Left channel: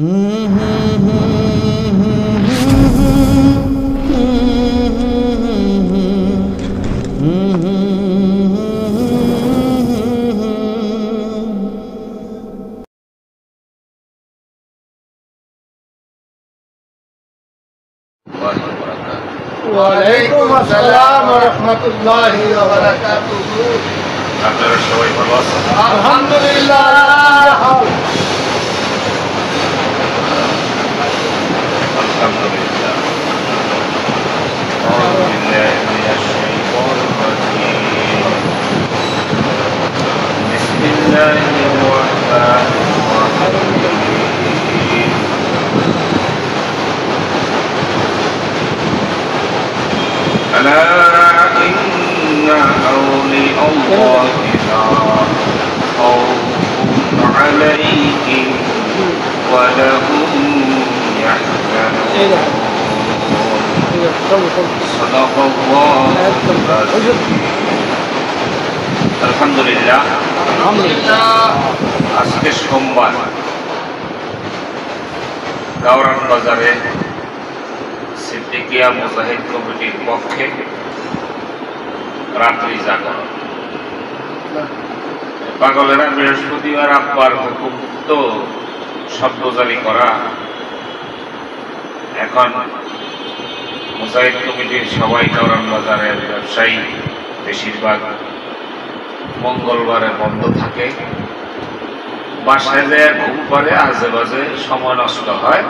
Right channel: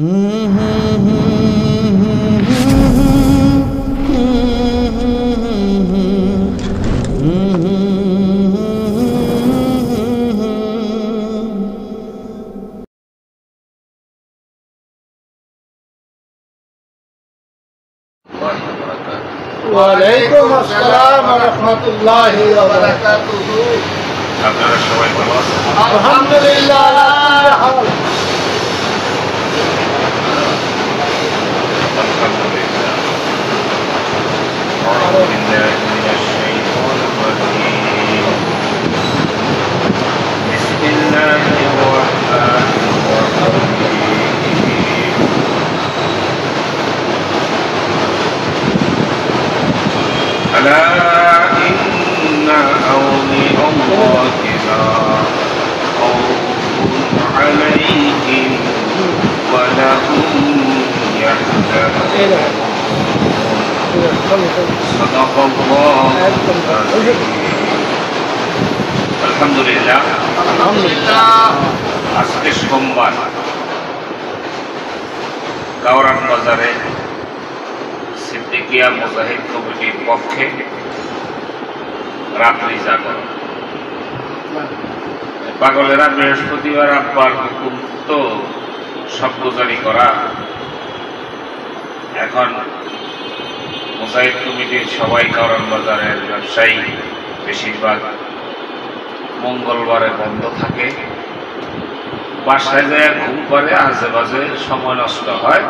ওয়ালাইকুম আসসালাম ওয়া রাহমাতুল্লাহি ওয়া বারাকাতুহু। আপনারা সবাই ভালো আছেন? আলহামদুলিল্লাহ। আলহামদুলিল্লাহ। আউযু বিল্লাহি মিনাশ শাইতানির রাজীম। বিসমিল্লাহির রাহমানির রাহিম। ألا إن أولياء الله لا خوف عليهم ولا هم يحزنون صدق الله العظيم الحمد لله আজকে সোমবার গাওরান বাজারে সিদ্দিকিয়া মুজাহিদ কমিটির পক্ষে রাত্রি জাগরণ। পাগলেরা বৃহস্পতিবার আব্বার হুকুম তো শব্দ জারি করা। এখন মুজাহিদ কমিটির সবাই কারণ বাজারের ব্যবসায়ী বেশিরভাগ মঙ্গলবারে বন্ধ থাকে। বাসায় যায় ঘুম পারে, আজে বাজে সময় নষ্ট হয়,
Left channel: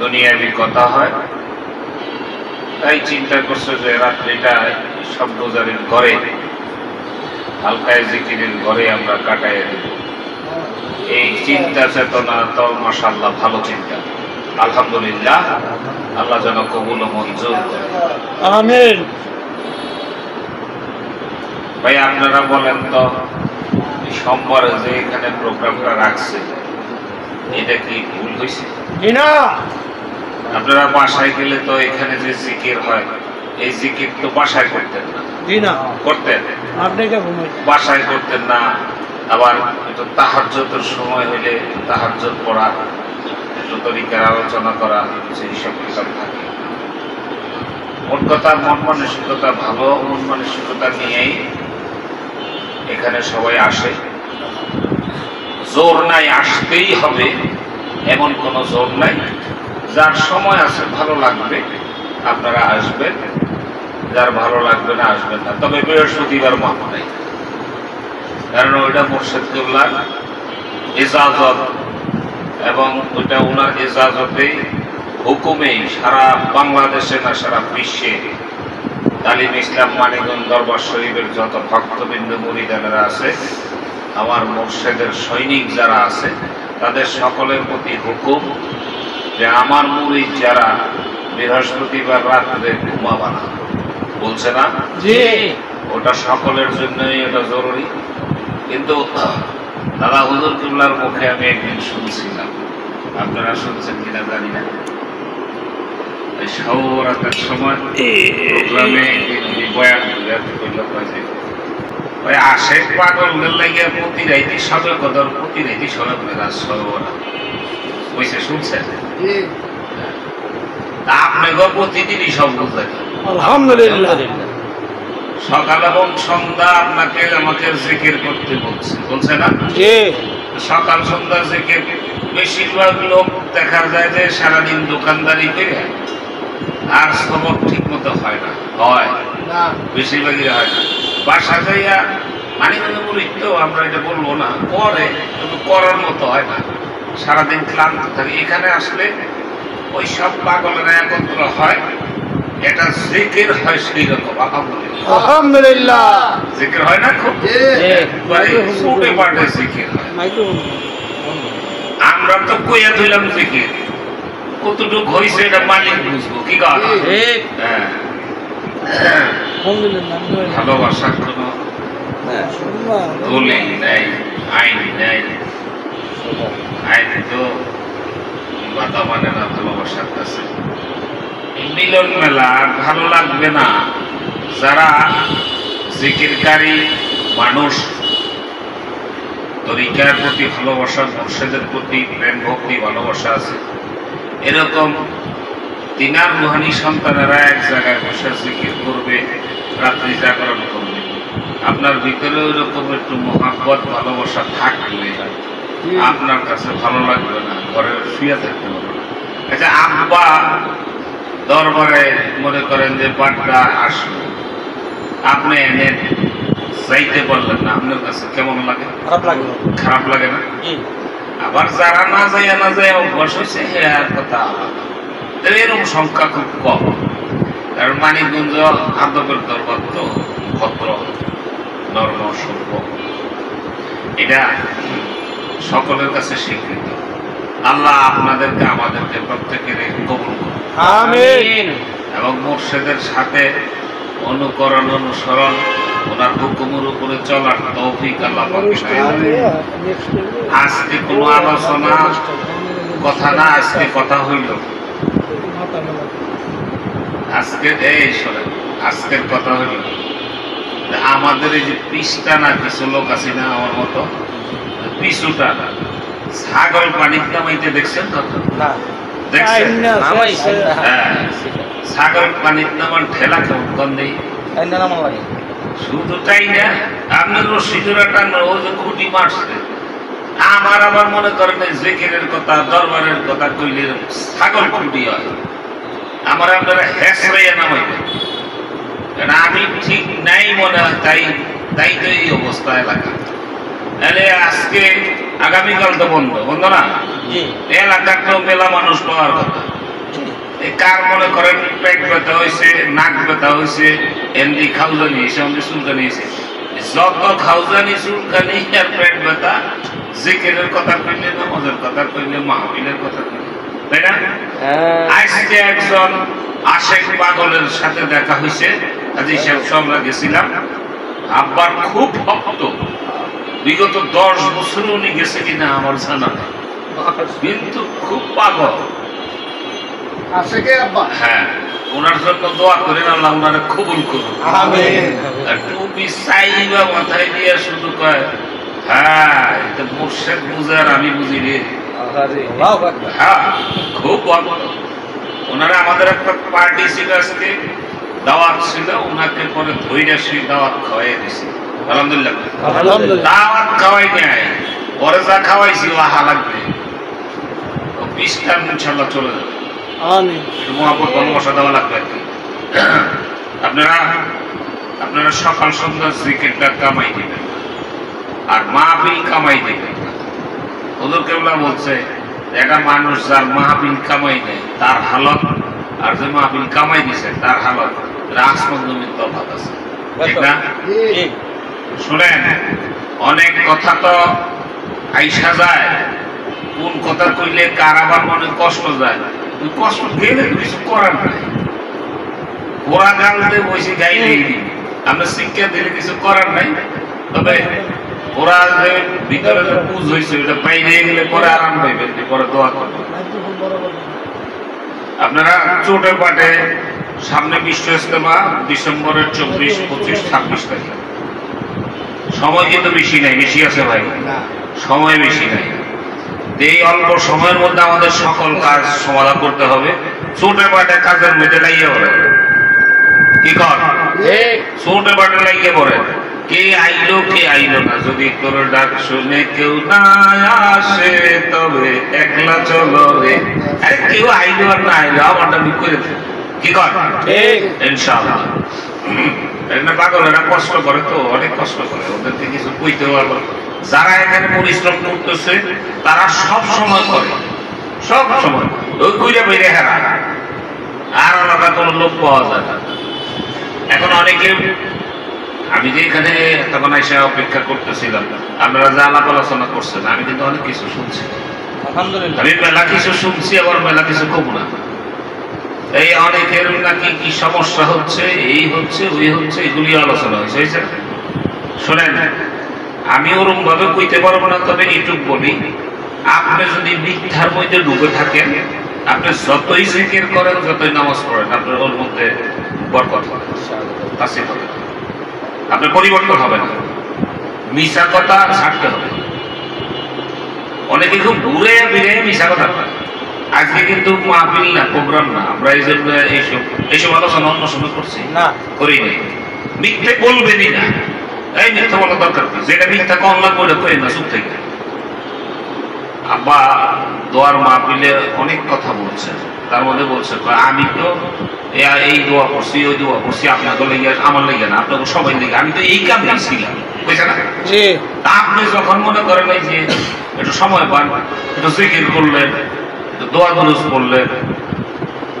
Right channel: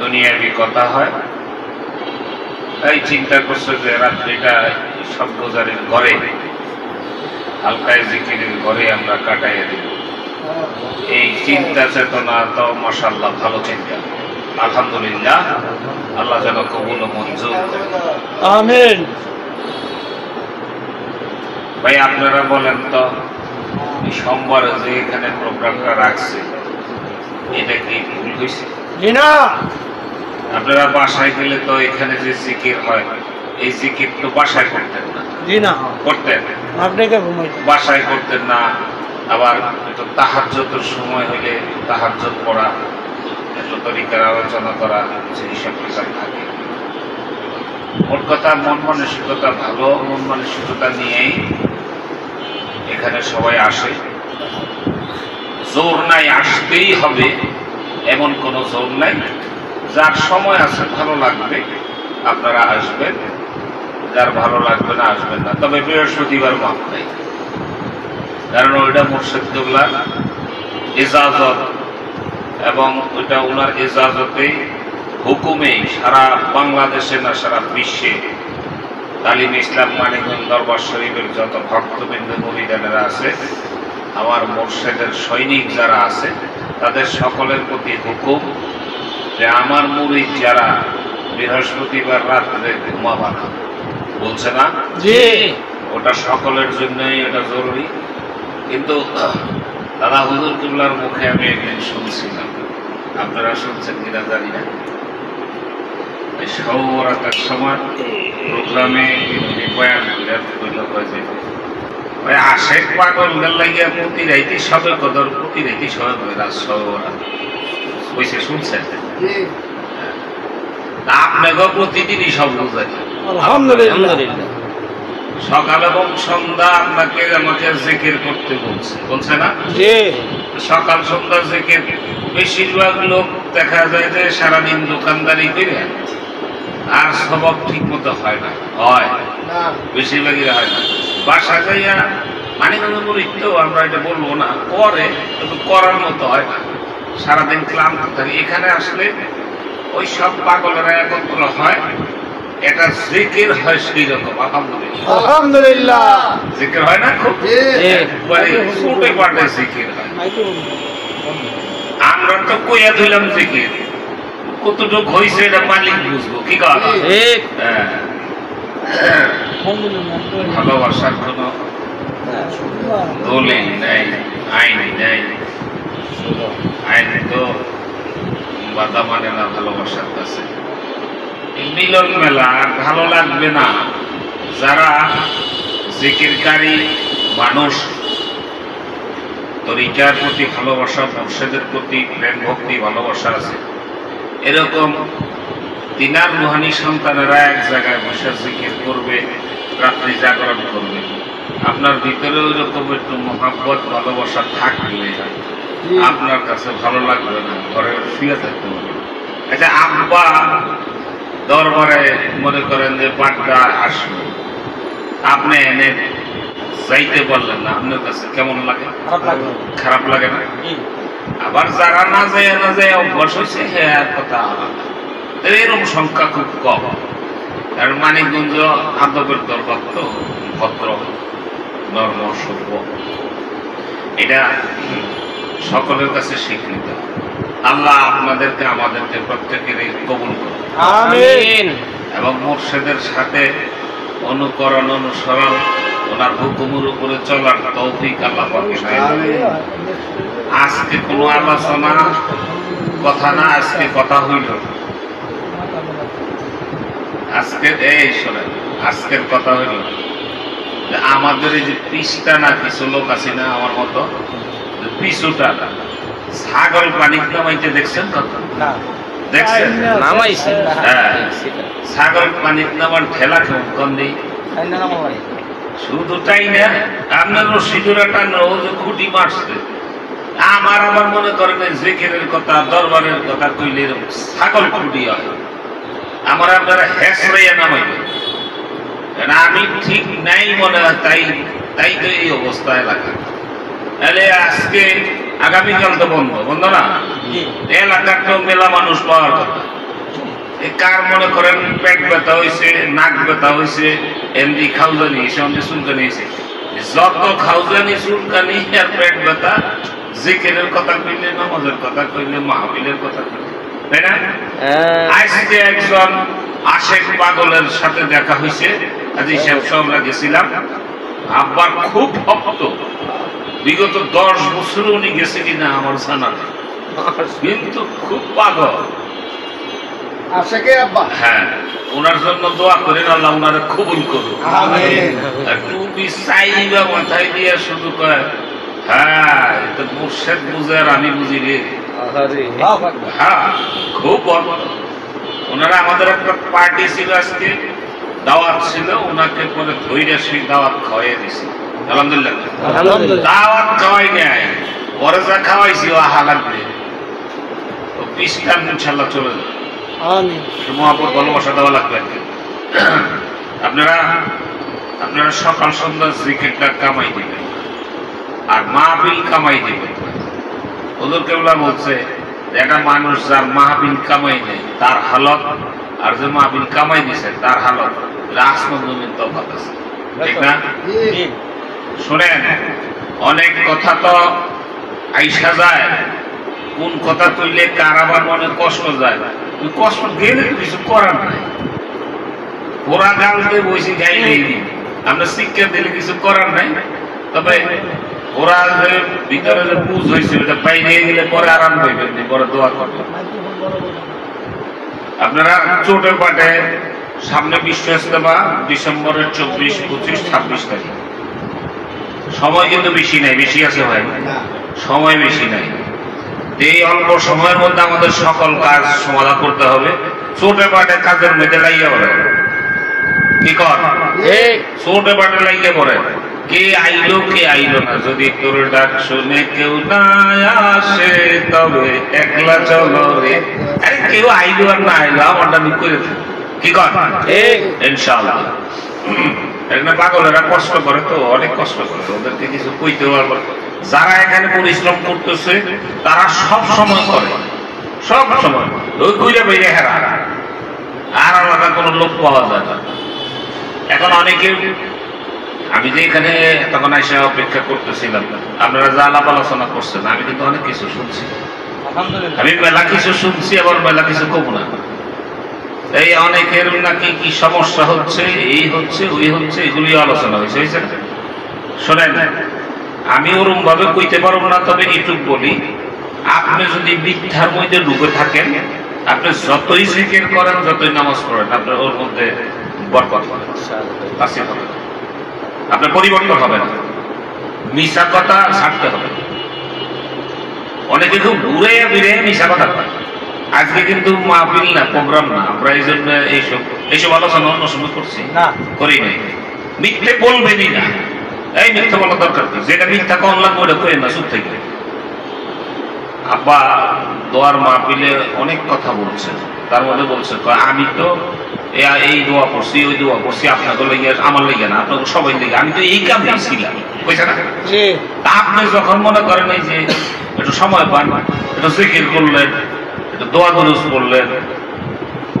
দুনিয়াবি কথা হয়। তাই চিন্তা করছে যে রাত্রিটা শব্দজারির ঘরে, হালকায় জিকিরের ঘরে আমরা কাটাইয়া দিব। এই চিন্তা চেতনা তো মাশাআল্লাহ ভালো চিন্তা। আলহামদুলিল্লাহ, আল্লাহ যেন কবুল ও মঞ্জুর করে। আমিন। ভাই আপনারা বলেন তো, সোমবার যে এখানে প্রোগ্রামটা রাখছে এটা কি ভুল হয়েছে? না, আপনারা বাসায় গেলে তো এখানে যে জিকির হয় এই জিকির তো বাসায় করতেন না? জি না, করতেন? বাসায় করতেন না। আবার একটু তাহাজ্জুদের সময় হলে তাহাজ্জুদ পড়া, একটু তরিকার আলোচনা করা, সেই সব কিতাব থাকে। মোট কথা মন মানসিকতা ভালো, মন মানসিকতা নিয়েই এখানে সবাই আসে। জোর নাই আসতেই হবে এমন কোনো জোর নাই। যার সময় আছে ভালো লাগবে আপনারা আসবেন, যার ভালো লাগবে না আসবেন না। তবে বৃহস্পতিবার মাপ নাই, কারণ ওইটা মুর্শিদ কিবলার ইজাজত, এবং ওইটা ওনার ইজাজতে হুকুমে সারা বাংলাদেশে না সারা বিশ্বে তালিম ইসলাম মানিকগঞ্জ দরবার শরীফের যত ভক্তবৃন্দ মুরিদানেরা আছে, আমার মুর্শিদের সৈনিক যারা আছে, তাদের সকলের প্রতি হুকুম যে আমার মুরিদ যারা বৃহস্পতিবার রাত্রে ঘুমাবা না, বলছে না? ওটা সকলের জন্যই এটা জরুরি। কিন্তু দাদা হুজুর কিবলার মুখে আমি একদিন শুনছিলাম, আপনারা শুনছেন কিনা জানি না, সৌরাতের সময় প্রোগ্রামে ওই আশেক পাগলদের লাগিয়া প্রতি রাইতে সবে কদর, প্রতি রাইতে সবে রাত সৌরা বুঝছে, শুনছেন? আপনাকে প্রতিদিনই সব বুঝাই। আলহামদুলিল্লাহ। সকাল এবং সন্ধ্যা আপনাকে আমাকে জিকির করতে বলছে, বলছে না? সকাল সন্ধ্যা জিকির। বেশিরভাগ লোক দেখা যায় যে সারাদিন দোকানদারি করে আর সবক ঠিক মতো হয় না, হয় বেশিরভাগই হয় না। বাসা যাইয়া মানে তো আমরা এটা বলবো না, করে তবে করার মতো হয় না, সারাদিন ক্লান্ত থাকে। এখানে আসলে ওই সব পাগলেরা একত্র হয়, এটা জিকির হয় সেই রকম। আলহামদুলিল্লাহ, জিকির হয় না, খুব ফুটে পাটে জিকির হয়। আমরা তো কইয়া দিলাম জিকির, কতটুক হয়েছে এটা মালিক বুঝবো, কি কথা? ভালোবাসার কোন দলিল নেই, আইন নেই। আইন তো বাধা মানে না ভালোবাসার কাছে। মিলন মেলা ভালো লাগবে না যারা জিকিরকারী মানুষ, তরিকার প্রতি ভালোবাসা, মুর্শিদের প্রতি প্রেম ভক্তি ভালোবাসা আছে, এরকম তিনার রুহানি সন্তানেরা এক জায়গায় বসে জিকির করবে, রাত্রি জাগরণ করবে, আপনার ভিতরে ওইরকম একটু মহাব্বত ভালোবাসা থাকলে আপনার কাছে ভালো লাগবে না, ঘরে শুয়ে থাকতে হবে। আচ্ছা, আব্বা দরবারে মনে করেন যে বাড্ডা আসলো, আপনি এনে যাইতে পারলেন না, আপনার কাছে কেমন লাগে? খারাপ লাগে না? আবার যারা না যায় অভ্যাস হয়েছে, হ্যাঁ আর কথা আলাদা। এরকম সংখ্যা খুব কম, কারণ মানিকগঞ্জ আদবের দরবার তো, ভদ্র নর্ম সভ্য, এটা সকলের কাছে স্বীকৃত। আল্লাহ আপনাদেরকে আমাদেরকে প্রত্যেকের কবুল করুন, আমিন। এবং মুর্শিদের সাথে অনুকরণ অনুসরণ, ওনার হুকুমের উপরে চলার তৌফিক আল্লাহ পাক দিন। আজকে কোনো আলোচনা কথা না, আজকে কথা হইল, আজকের এই শোনেন, আজকের কথা হইল আমাদের এই যে পিসটা না, কিছু লোক আছে না আমার মতো, পিছুটা ছাগল পানি নামাইতে দেখছেন কখন? দেখছেন? হ্যাঁ, ছাগল পানি নামান ঠেলা গন্ধে শুধু তাই না, আপনার রশিদুরা টানো, ও যে খুঁটি মারছে, আমার মনে করেন জিকিরের কথা, দরবারের কথা কইলে ছাগল খুঁটি হয়, আমার আপনারা হেসরাইয়া নামাইবে, আমি ঠিক নাই মনে হয়, তাই তো এই অবস্থা এলাকা। তাহলে আজকে আগামীকাল তো বন্ধ না, এলাকার তো মেলা মানুষ পাওয়ার কথা। কার মনে করেন পেট ব্যথা হয়েছে, নাক ব্যথা হয়েছে, এমনি খাউজানি হয়েছে, অমনি চুলকানি হয়েছে, যত খাউজানি চুলকানি আর পেট ব্যথা, জিকিরের কথা কইলে, নামাজের কথা কইলে, মাহফিলের কথা কইলে, তাই না? আজকে একজন আশেক পাগলের সাথে দেখা হয়েছে, আজি সাহেব আমরা গেছিলাম, আব্বার খুব ভক্ত, বিগত 10 বছর উনি গেছে কিনা আমার জানা নেই, কিন্তু খুব পাগল। হ্যাঁ, ওনার জন্য দোয়া করেন, আল্লাহ ওনারে কবুল করুন। টুপি চাইবে মাথায় দিয়ে শুধু কয়, হ্যাঁ এটা মুর্শিদ বুঝে আর আমি বুঝি রে। হ্যাঁ, খুব ভক্ত। ওনারা আমাদের একটা পার্টি ছিল, আজকে দাওয়াত ছিল, ওনাকে পরে ধৈর্য সেই দাওয়াত খাওয়াই দিছি, আলহামদুলিল্লাহ। দাওয়াত খাওয়াই নাই, পরে যা খাওয়াইছি ও আহা লাগবে, ও পিসটা ইনশাল্লাহ চলে যাবে। মহাপুর ভালোবাসা দেওয়া লাগবে আর কি। আপনারা সকাল সন্ধ্যা ক্রিকেটটা কামাই দিবেন, আর মাহফিল কামাই দিবেন। হুজুর কেবলা বলছে, একটা মানুষ যার মাহফিল কামাই নেয় তার হালত, আর যে মাহফিল কামাই দিছে তার হালত আসমান জমির তফাৎ আছে, ঠিক না? শুনেন, অনেক কথা তো আইসা যায়, কোন কথা কইলে কার আবার মনে কষ্ট যায়, কষ্ট গেলে কিছু করার নাই। ওরা গানতে বসে গাইলেই আমরা শিক্ষা দিলে কিছু করার নাই। তবে ওরা যে ভিতরে যে বুঝ হয়েছে ওটা বাইরে গেলে পরে আরাম পাইবে, পরে দোয়া করবে। আপনারা চোটের পাটে সামনে বিশ্ব ইজতেমা ডিসেম্বরের 24, 25, 26 তারিখ, সময় কিন্তু বেশি নাই, বেশি আছে ভাই, সময় বেশি নাই। এই অল্প সময়ের মধ্যে আমাদের সকল কাজ সমাধান করতে হবে। ছোটে পাটে কাজের মধ্যে লাগিয়ে পড়ে, কি কর ছোটে পাটে লাগিয়ে পড়ে, কে আইলো না, যদি তোর ডাক শুনে কেউ না আসে তবে একলা চলো রে। আরে কেউ আইলো আর না আইলো আমারটা আমি করে কি কর ইনশাআল্লাহ। পাগলেরা কষ্ট করে তো, অনেক কষ্ট করে, ওদেরকে কিছু কইতে পারবো। যারা এখানে পরিশ্রম করতেছে তারা সব সময় করে, সব সময় ওই কইরা বেরিয়ে হেরা, আর আলাদা কোনো লোক পাওয়া যায় না। এখন অনেকে, আমি যে এখানে তখন এসে অপেক্ষা করতেছিলাম, আপনারা যা আলাপ আলোচনা করছেন, আমি কিন্তু অনেক কিছু শুনছি, আমি মেলা কিছু শুনছি, আবার মেলা কিছু কম না। এই অনেকের নাকি কি সমস্যা হচ্ছে, এই হচ্ছে ওই হচ্ছে, এগুলি আলোচনা হয়েছে। শোনেন, আমি ওরম ভাবে কইতে পারবো না, তবে এইটুক বলি, আপনি যদি মিথ্যার মধ্যে ডুবে থাকেন, আপনি যতই জিকির করেন, যতই নামাজ পড়েন, আপনার ওর মধ্যে বরকত হবে, আপনার পরিবর্তন হবে না। মিশা কথা ছাড়তে হবে, অনেকে খুব ঘুরে ফিরে মিশা কথা পায়। আজকে কিন্তু মাহফিল না, প্রোগ্রাম না, আমরা এই জন্য এইসব আলোচনা অন্য সময় করছি না, করি নাই। মিথ্যে বলবেনই না, এই মিথ্যা বলা দরকার কি? যেটা মিথ্যা কম লাগবে ওটা করে না, চুপ থেকে। আব্বা দোয়ার মাহফিলে অনেক কথা বলছেন, তার মধ্যে বলছে আমি তো এই দোয়া করছি, ওই দোয়া করছি, আপনাকে লেগে আমার লেগে না, আপনাকে সবাই লেগে, আমি তো এই কামে ছিলাম, বুঝছে না? আপনি যখন মনে করেন এই যে একটু সময় পান, একটু জিকির করলেন, একটু দোয়া দুরুস করলেন,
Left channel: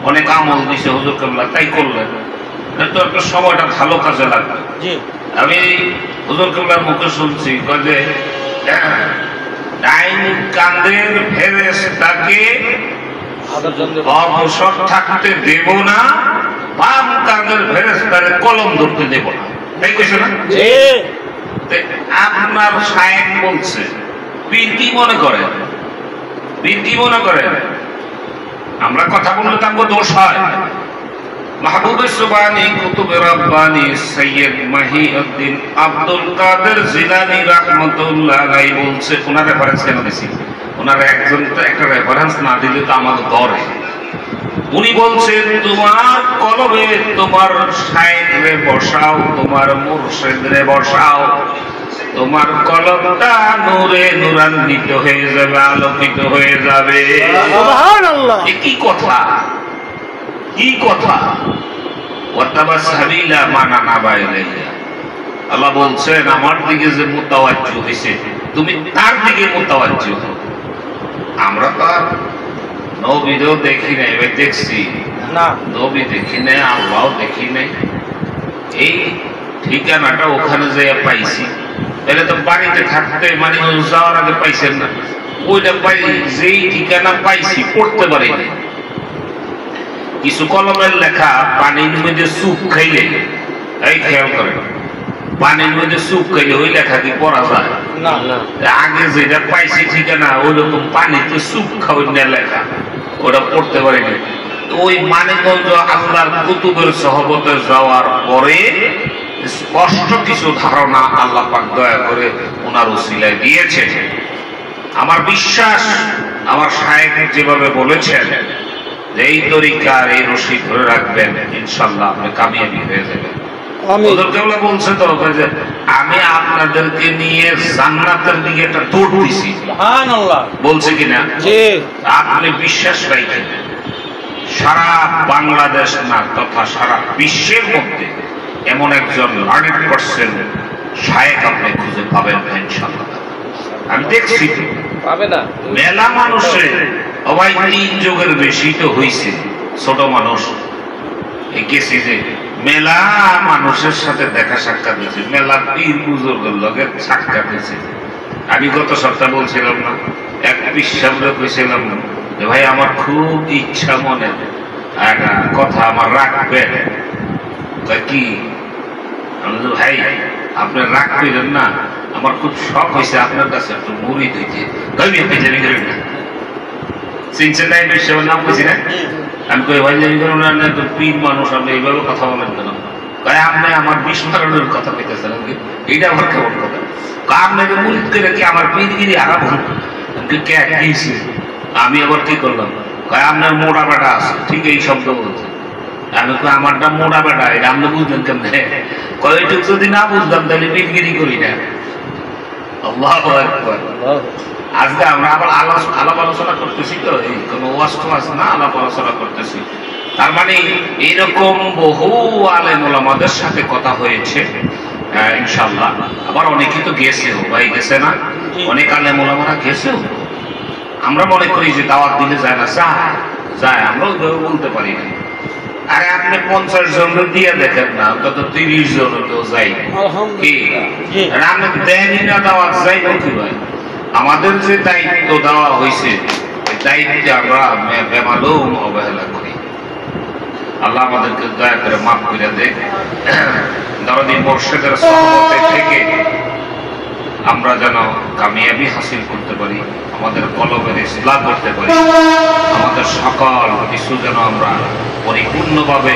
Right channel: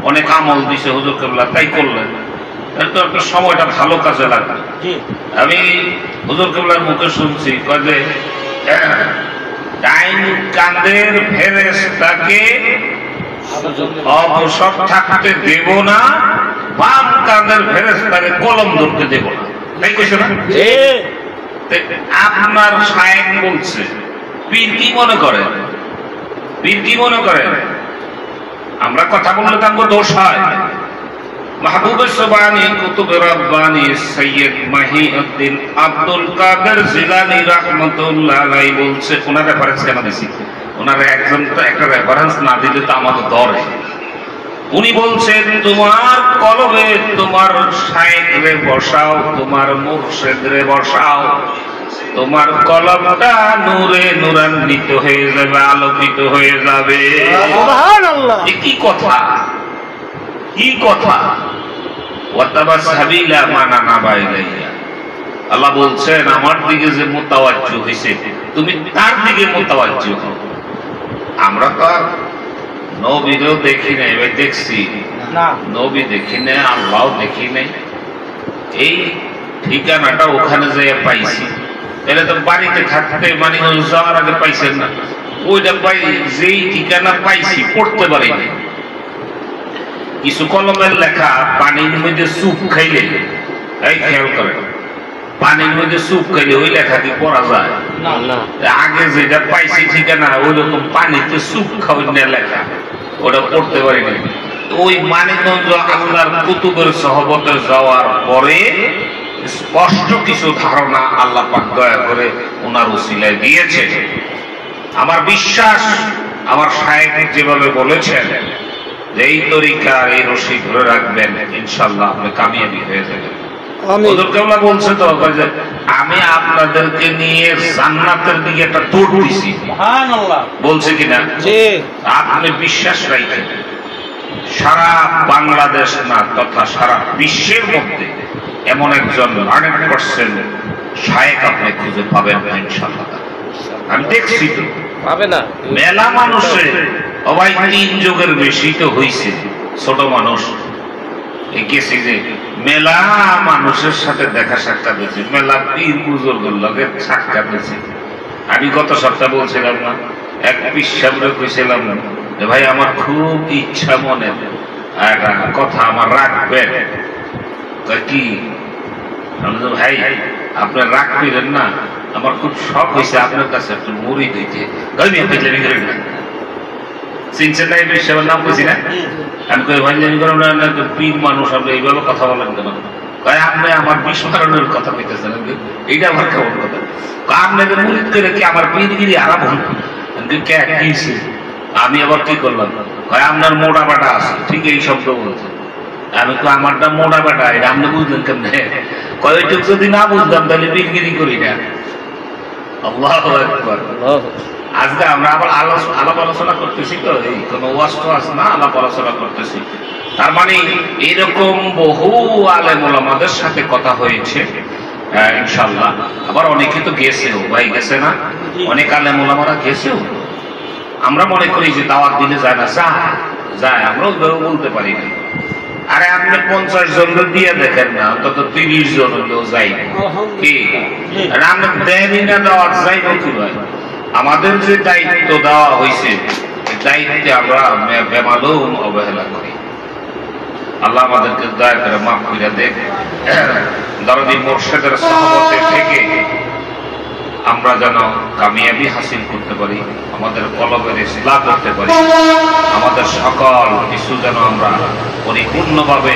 অনেক আমল দিছে হুজুর কেবলা, তাই করলেন, তো আপনার সময়টা ভালো কাজে লাগবে। আমি হুজুর কেবলার মুখে শুনছি যে ডাইন কাঁধের ফেরেশতাকে অবসর থাকতে দেব না, বাম কাঁধের ফেরেশতাকে কলম ধরতে দেব না, তাই কইছে না? আপনার শায়েখ বলছে, পীর কি মনে করেন? পীর কি মনে করেন? আমরা কথা বললে তার দোষ হয়। মাহবুবে সুবহানী কুতুবে রব্বানী সৈয়দ মহিউদ্দিন আব্দুল কাদের জিলানী রাহমাতুল্লাহ আলাইহি বলছে, ওনার রেফারেন্স কেন দিছি? ওনার একটা রেফারেন্স না দিলে তো আমাদের দরে। উনি বলছেন তোমার কলবে তোমার শায়েখরে বসাও, তোমার মুর্শিদরে বসাও, তোমার কলবটা নূরে নূরান্বিত হয়ে যাবে, আলোকিত হয়ে যাবে। সুবহানাল্লাহ! কি কথা, কি কথা! ওয়াতাবাসসাবিলা মানানা বাইলাইয়া, আল্লাহ বলছেন আমার দিকে যে মুতাওয়াজ্জু হইছে তুমি তার দিকে মুতাওয়াজ্জু হও। আমরা তো নবীরও দেখি নাই, ভাই দেখছি না, নবী দেখি নাই, আল্লাহও দেখি নাই, এই ঠিকানাটা ওখানে যেয়ে পাইছি। এটা তো বাড়িতে থাকতে মানে যাওয়ার আগে পাইছেন না, ওইটা পাই যেই ঠিকানা পাইছি পড়তে পারিনি। কিছু কলমের লেখা পানির মধ্যে সুপ খাইলে, এই খেয়াল করেন, পানির মধ্যে সুপ খাইলে ওই লেখা কি পড়া যায় না? আগে যেটা পাইছি ঠিকানা ওই রকম পানিতে সুপ খাওয়ার লেখা, ওটা পড়তে পারিনি। ওই মানিকগঞ্জ আল্লাহর কুতুবের সহবতে যাওয়ার পরে স্পষ্ট কিছু ধারণা আল্লাহ পাক দয়া করে ওনার উসিলায় দিয়েছে। আমার বিশ্বাস আমার শায়েখ যেভাবে বলেছেন যে এই তরিকার এই রশি ধরে রাখবেন, ইনশাআল্লাহ আপনি কামিয়াবি হয়ে যাবেন। হুজুর কেবলা বলছে তো যে আমি আপনাদেরকে নিয়ে জান্নাতের দিকে একটা দৌড় দিছি, সুবহানাল্লাহ বলছে কিনা? আপনি বিশ্বাস রাখেন, সারা বাংলাদেশ না তথা সারা বিশ্বের মধ্যে এমন একজন 100% শায়েখ আপনি খুঁজে পাবেন ইনশাআল্লাহ। আমি দেখছি তো পাবে না, মেলা মানুষে অবাই 3 যুগের বেশি তো হইছে, ছোট মানুষ গেছি যে মেলা মানুষের সাথে দেখা সাক্ষাৎ হয়েছে, মেলা পীর বুজুর্গের লগে সাক্ষাৎ হয়েছে। আমি গত সপ্তাহ বলছিলাম না, এক পিসাবরে কইছিলাম যে ভাই আমার খুব ইচ্ছা মনে একটা কথা আমার রাখবেন, তা কি? ভাই আপনি রাগ করেন না, আমার খুব শখ হয়েছে আপনার কাছে একটু মুড়ি দিতে। চিনছেন না এই বিশ্বের নাম কইছি না? আমি কই ভাই জানি করেন না, পীর মানুষ আপনি এইভাবে কথা বলেন কেন? ভাই আপনি আমার বিস্মরণের কথা কইতেছেন, এইটা আমার কেমন কথা? আপনাদের মুরিদ করে কি আমার পীরগিরি আরাম হল? আমি আবার কি করলাম? ভাই আপনার মোড়া বাটা আছে, ঠিক এই শব্দ বলছে। আমি তো আমারটা মোড়া বেটা, এটা আপনি বুঝলেন কেমনে? কয়েকটুক যদি না বুঝলাম তাহলে পীরগিরি করি না। আল্লাহু আকবার। আজকে আমরা আবার আলাপ আলোচনা করতেছি তো, এই কোনো ওয়াজ টোয়াজ না, আলাপ আলোচনা করতেছি। তার মানে এইরকম বহু আলেম ওলামাদের সাথে কথা হয়েছে ইনশাআল্লাহ। আবার অনেকে তো গেছেও, ভাই গেছে না, অনেক আলেম ওলামারা গেছেও। আমরা মনে করি যে দাওয়াত দিলে যায় না, যায়, আমরাও বলতে পারি না। আরে আপনি 50 জন দিয়ে দেখেন না, অন্তত 30 জন হলেও যাই কি? আপনি দেয়নি না দাওয়াত, যাইব কি ভাই? আমাদের যে দায়িত্ব দেওয়া হয়েছে এই দায়িত্বে আমরা বেমালুম অবহেলা করি। আল্লাহ আমাদেরকে দয়া করে মাফ করে দেখ। দরদি মুর্শিদের সহবতে থেকে আমরা যেন কামিয়াবি হাসিল করতে পারি, আমাদের কলবের ইসলাহ করতে পারি, আমাদের সকল কিছু যেন আমরা পরিপূর্ণভাবে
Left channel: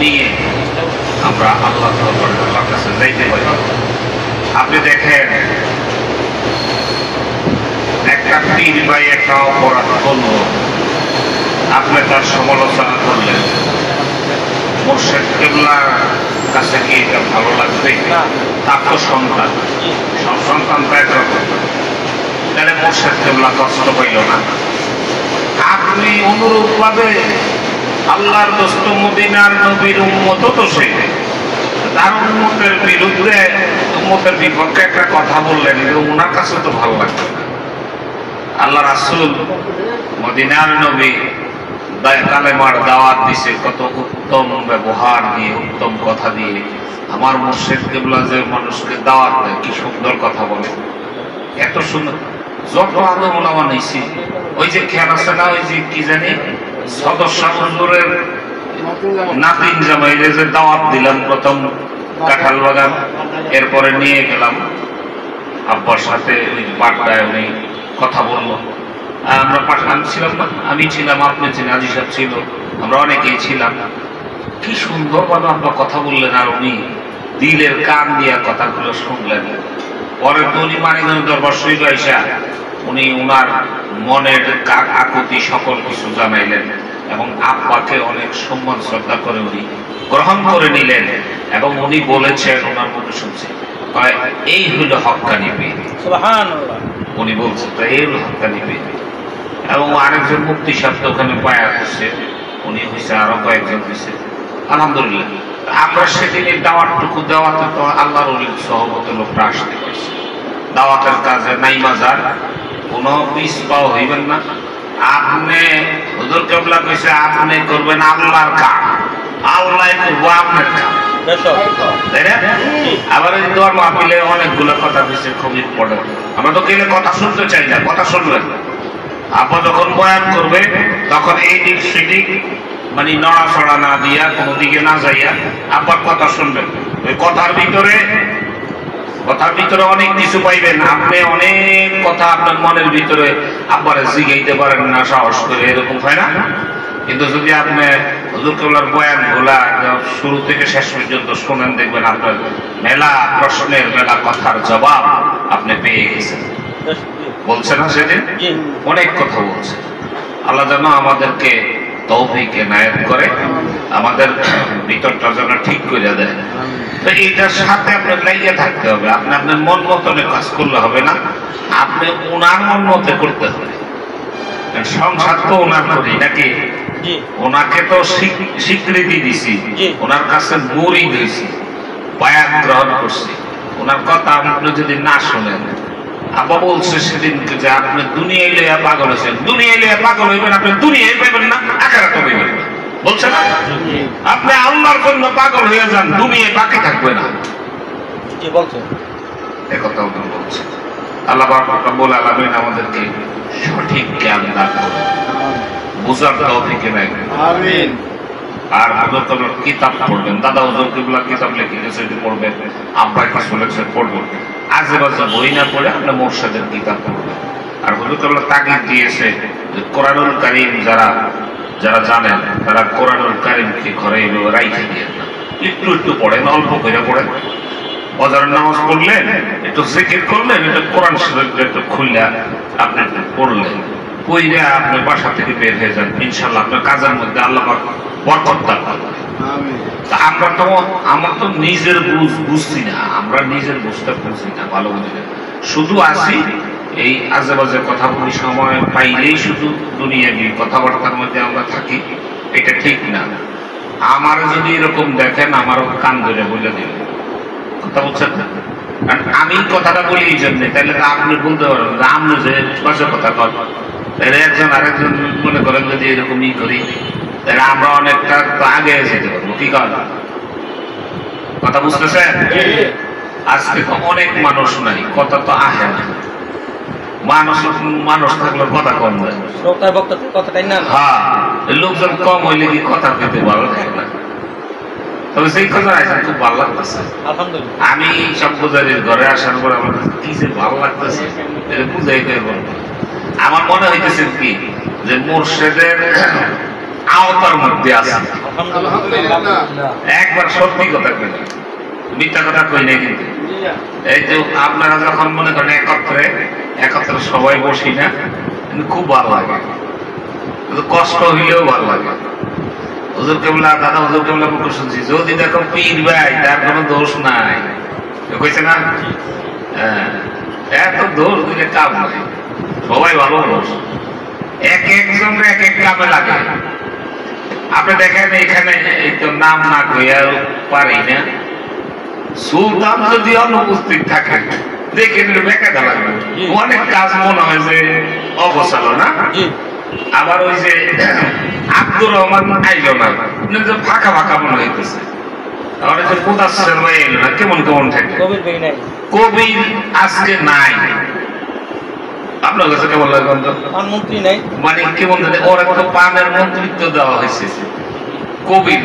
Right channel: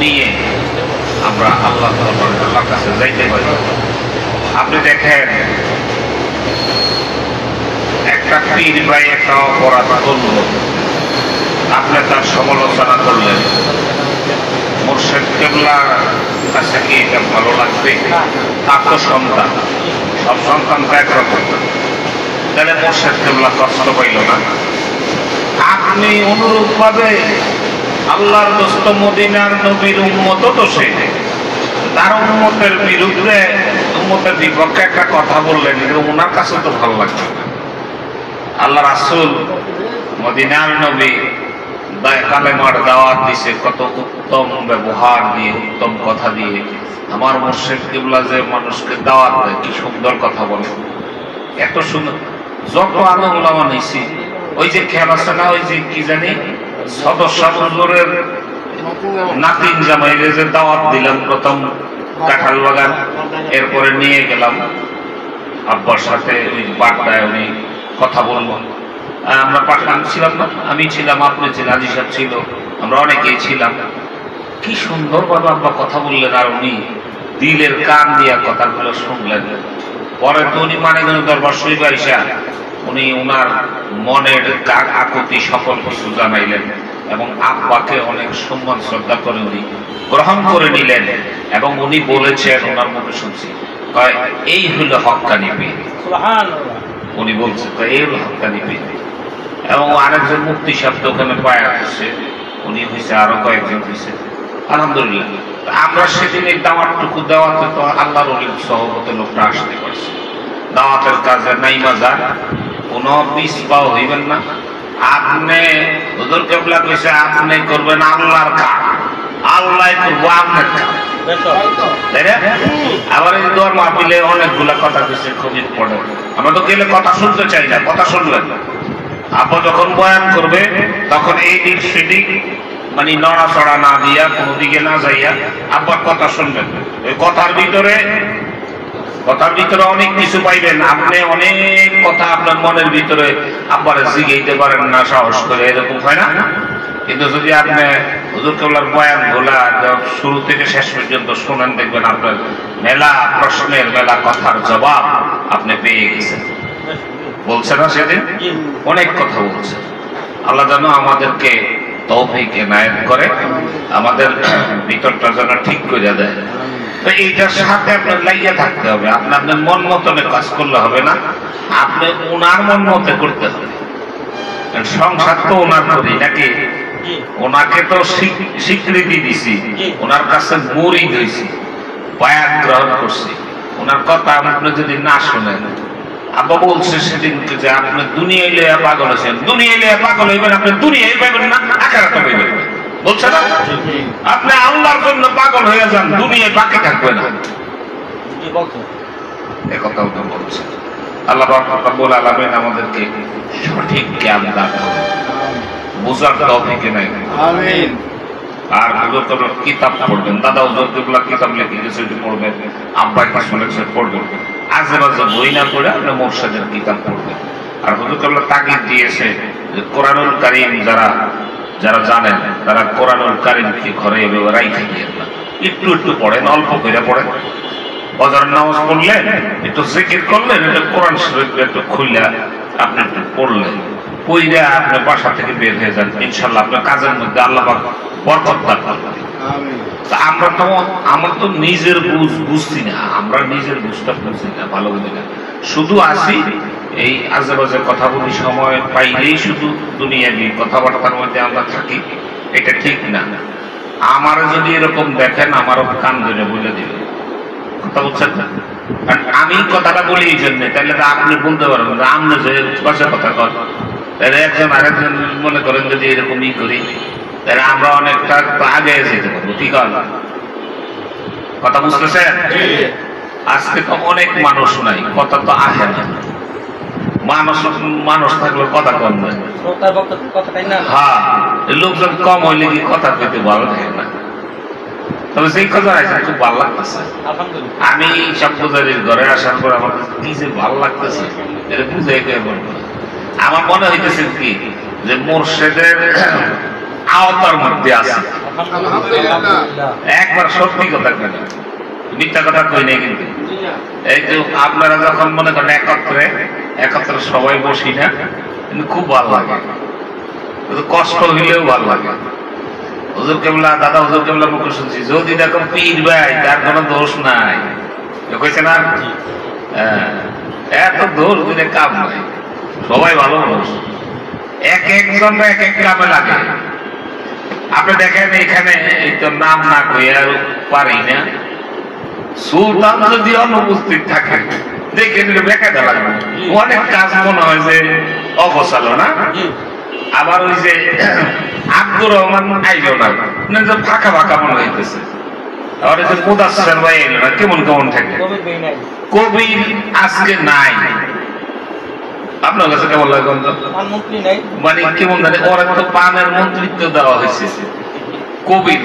নিয়ে আমরা আল্লাহ তাআলার কাছে যাইতে পারি। আপনি দেখেন একটা একটা পীর ভাই একটা অপরাধ করলো, আপনি তার সমালোচনা করলেন, মুর্শিদ কেবলার কাছে কি এটা ভালো লাগবে? তার তো সন্তান, সব সন্তান তো একরকম, তাহলে মুর্শিদ কেবলা কষ্ট পাইল না? আপনি অনুরূপ ভাবে আল্লাহর দোস্ত মদিনার নবীর উম্মত তো সে, তার উম্মতের বিরুদ্ধে উম্মতের বিপক্ষে একটা কথা বললেন, কিন্তু ওনার কাছে তো ভালো লাগবে না। আল্লাহ রাসূল মদিনার নবী কালেমার দাওয়াত দিছে, কত উত্তম ব্যবহার দিয়ে, উত্তম কথা দিয়ে। আমার মুর্শিদ কিবলা যে মানুষকে দাওয়াত দেয়, কি সুন্দর কথা বলে, এত সুন্দর। যত আমি ওলামা নিয়েছি, ওই যে খেয়াল আছে না, ওই যে কি জানি সদস্য হুজুরের নাতিন জামাইলে যে দাওয়াত দিলাম প্রথম কাঁঠাল বাগান, এরপরে নিয়ে গেলাম আব্বার সাথে ওই বাড্ডায়, উনি কথা বললো। আমরা পাঠান ছিলাম না, আমি ছিলাম, আপনি ছিলেন, আজি সাহেব ছিল, আমরা অনেকেই ছিলাম। কি সুন্দর ভাবে আব্বা কথা বললেন, আর উনি দিলের কান দিয়া কথাগুলো শুনলেন। পরে তো উনি মানে দরবার শরীফে আইসা উনি উনার মনের আকুতি সকল কিছু জানাইলেন, এবং আব্বাকে অনেক সম্মান শ্রদ্ধা করে উনি গ্রহণ করে নিলেন। এবং উনি বলেছেন, ওনার মুখে শুনছি, এই হইল হক্কানি পীর। উনি বলছে তো এই হইল হক্কানি পীর। এবং আরেকজন মুক্তি সাহেব ওখানে পায়া হচ্ছে, উনি হয়েছে, আরো কয়েকজন হয়েছে, আলহামদুলিল্লাহ। আমরা সেদিন এই দাওয়াতটুকু দেওয়াতে তো আল্লাহর অলির সহবতে লোকটা আসতে পারছে। দাওয়াতের কাজে নাই বাজার, কোনো পিস পাও হইবেন না। আপনি হুজুর কেবলা কইছে আপনি করবেন আল্লাহর কাজ, আল্লাহ করবো আপনার কাজ, তাই না? আবার এই দোয়ার মাহফিলে অনেকগুলা কথা কইছে, খুবই পড়ে। আমরা তো গেলে কথা শুনতে চাই না, কথা শুনবেন না। আপনি যখন বয়ান করবে তখন এই দিক সেদিক মানে নড়াচড়া না দিয়া, কোনো দিকে না যাইয়া আব্বার কথা শুনবেন। ওই কথার ভিতরে অনেক কিছু পাইবেন। আপনি অনেক কথা আপনার মনের ভিতরে আব্বারে জিগাইতে পারেন না সাহস করে, এরকম হয় না? কিন্তু যদি আপনি হুজুর কেবলার বয়ান গুলা শুরু থেকে শেষ পর্যন্ত শোনেন, দেখবেন আপনার মেলা প্রশ্নের, মেলা কথার জবাব আপনি পেয়ে গেছেন। বলছে না সেদিন অনেক কথা বলছে। আল্লাহ যেন আমাদেরকে তৌফিক এনায়েত করে, আমাদের ভিতরটা যেন ঠিক করে দেয়। তো এইটার সাথে আপনার লাগিয়ে থাকতে হবে। আপনি আপনার মন মতনে কাজ করলে হবে না, আপনি ওনার মন মতে করতে হবে। সংসার তো ওনার করি নাকি, ওনাকে তো স্বীকৃতি দিছি, ওনার কাছে মুরিদ হইছি, বায়াত গ্রহণ করছি। ওনার কথা আপনি যদি না শোনেন, আব্বা বলছে সেদিনকে যে আপনি দুনিয়ায় লইয়া পাগল হয়েছেন, দুনিয়ায় লইয়া পাগল হইবেন, আপনি দুনিয়ায় পাবেন না, আখিরাতে পাবেন না, বলছে না? আপনি আল্লাহর জন্য পাগল হয়ে যান, দুনিয়ায় বাকি থাকবে না, এই কথা বলছে। আল্লাহ রাব্বুল আলামিন আমাদেরকে সঠিক জ্ঞান দান করুন, বুঝার তৌফিক এনায়েত করুন। আমিন। আর হুজুর কেবলা কিতাব পড়বেন, দাদা হুজুর কেবলা কিতাব লিখে গেছে, পড়বেন, আব্বা কিছু লেখছে পড়বেন। আজে বাজে বই না পড়ে আপনি মুর্শিদের কিতাব পড়বেন। আর হুজুর কেবলা তাগিদ দিয়েছে যে কোরআনুল কারীম যারা জানেন তারা কোরআনুল কারীমকে ঘরে এভাবে রাইখে দিয়ে একটু একটু পড়েন, অল্প করে পড়েন। ফজরের নামাজ পড়লেন, একটু জিকির করলেন, একটু কোরআন শরীফ একটু খুললে আপনি একটু পড়লেন, পড়লে আপনি বাসা থেকে বের হয়ে যান, ইনশাআল্লাহ আপনার কাজের মধ্যে আল্লাহ পাক বরকত দান করবেন। আমরা তো নিজের বুঝছি না, আমরা নিজের বুঝতে বুঝছি না, ভালো বুঝি না, শুধু আসি এই আজে বাজে কথা বলি, সময় পাইলেই শুধু দুনিয়াবি কথাবার্তার মধ্যে আমরা থাকি, এটা ঠিক না। আমার যদি এরকম দেখেন, আমারও কান ধরে বলে দিল, কথা বলছেন না? কারণ আমি কথাটা বলি এই জন্য, তাহলে আপনি বলতে পারেন যে আপনি যে বাজে কথা কর, তাহলে একজন আরেকজন মনে করেন যদি এরকমই করি, তাহলে আমরা অনেকটা আগে যেতে পারবো। কি কথা বুঝতেছেন? আজকে তো অনেক মানুষ নাই, কথা তো আসে না। মানুষ থাকলে কথা কম যায়, হ্যাঁ, লোকজন কম হইলে কি কথা পেতে ভালো থাকে না। তবে সেই কথা আছে, খুব ভালো লাগতেছে। আমি সব পূজারীর ঘরে আসার পর আমার কি যে ভালো লাগতেছে, এটা বুঝাইতে পারবো। আমার মনে হইতেছে কি যে মুর্শিদের আওতার মধ্যে আছে। একবার সত্যি কথা কই না, মিথ্যা কথা কই নাই। কিন্তু এই যে আপনারা যখন মনে করেন একত্রে একত্রে সবাই বসি না, কিন্তু খুব ভালো লাগে, কিন্তু কষ্ট হইলেও ভালো লাগে। হুজুর কেবলা, দাদা হুজুর কেবলা মুখে শুনছি, যদি দেখো পীর ভাই তার কোনো দোষ নাই, কইছে না? এত দোষ দিলে কাম নাই, সবাই ভালো মানুষ, এক একজন এক এক কামে লাগে। আপনি দেখেন এখানে এই তো নাম না কইয়া পারি না, সুলতান যদি অনুপস্থিত থাকে দেখে নিলে বেকায়দা লাগবে, অনেক কাজ মনে হয় যে অগোছালো না। আবার ওই যে আব্দুর রহমান আইলো না, ফাঁকা ফাঁকা মনে হইতেছে। আবার ওই যে মুদাসসির ভাই এলো না, কেমন কেমন থাকে। কবির আজকে নাই, আপনার কাছে কেমন লাগে? মানে কেমন জানে, ওরা তো পানের মন্ত্রিত্ব দেওয়া হয়েছে, কবির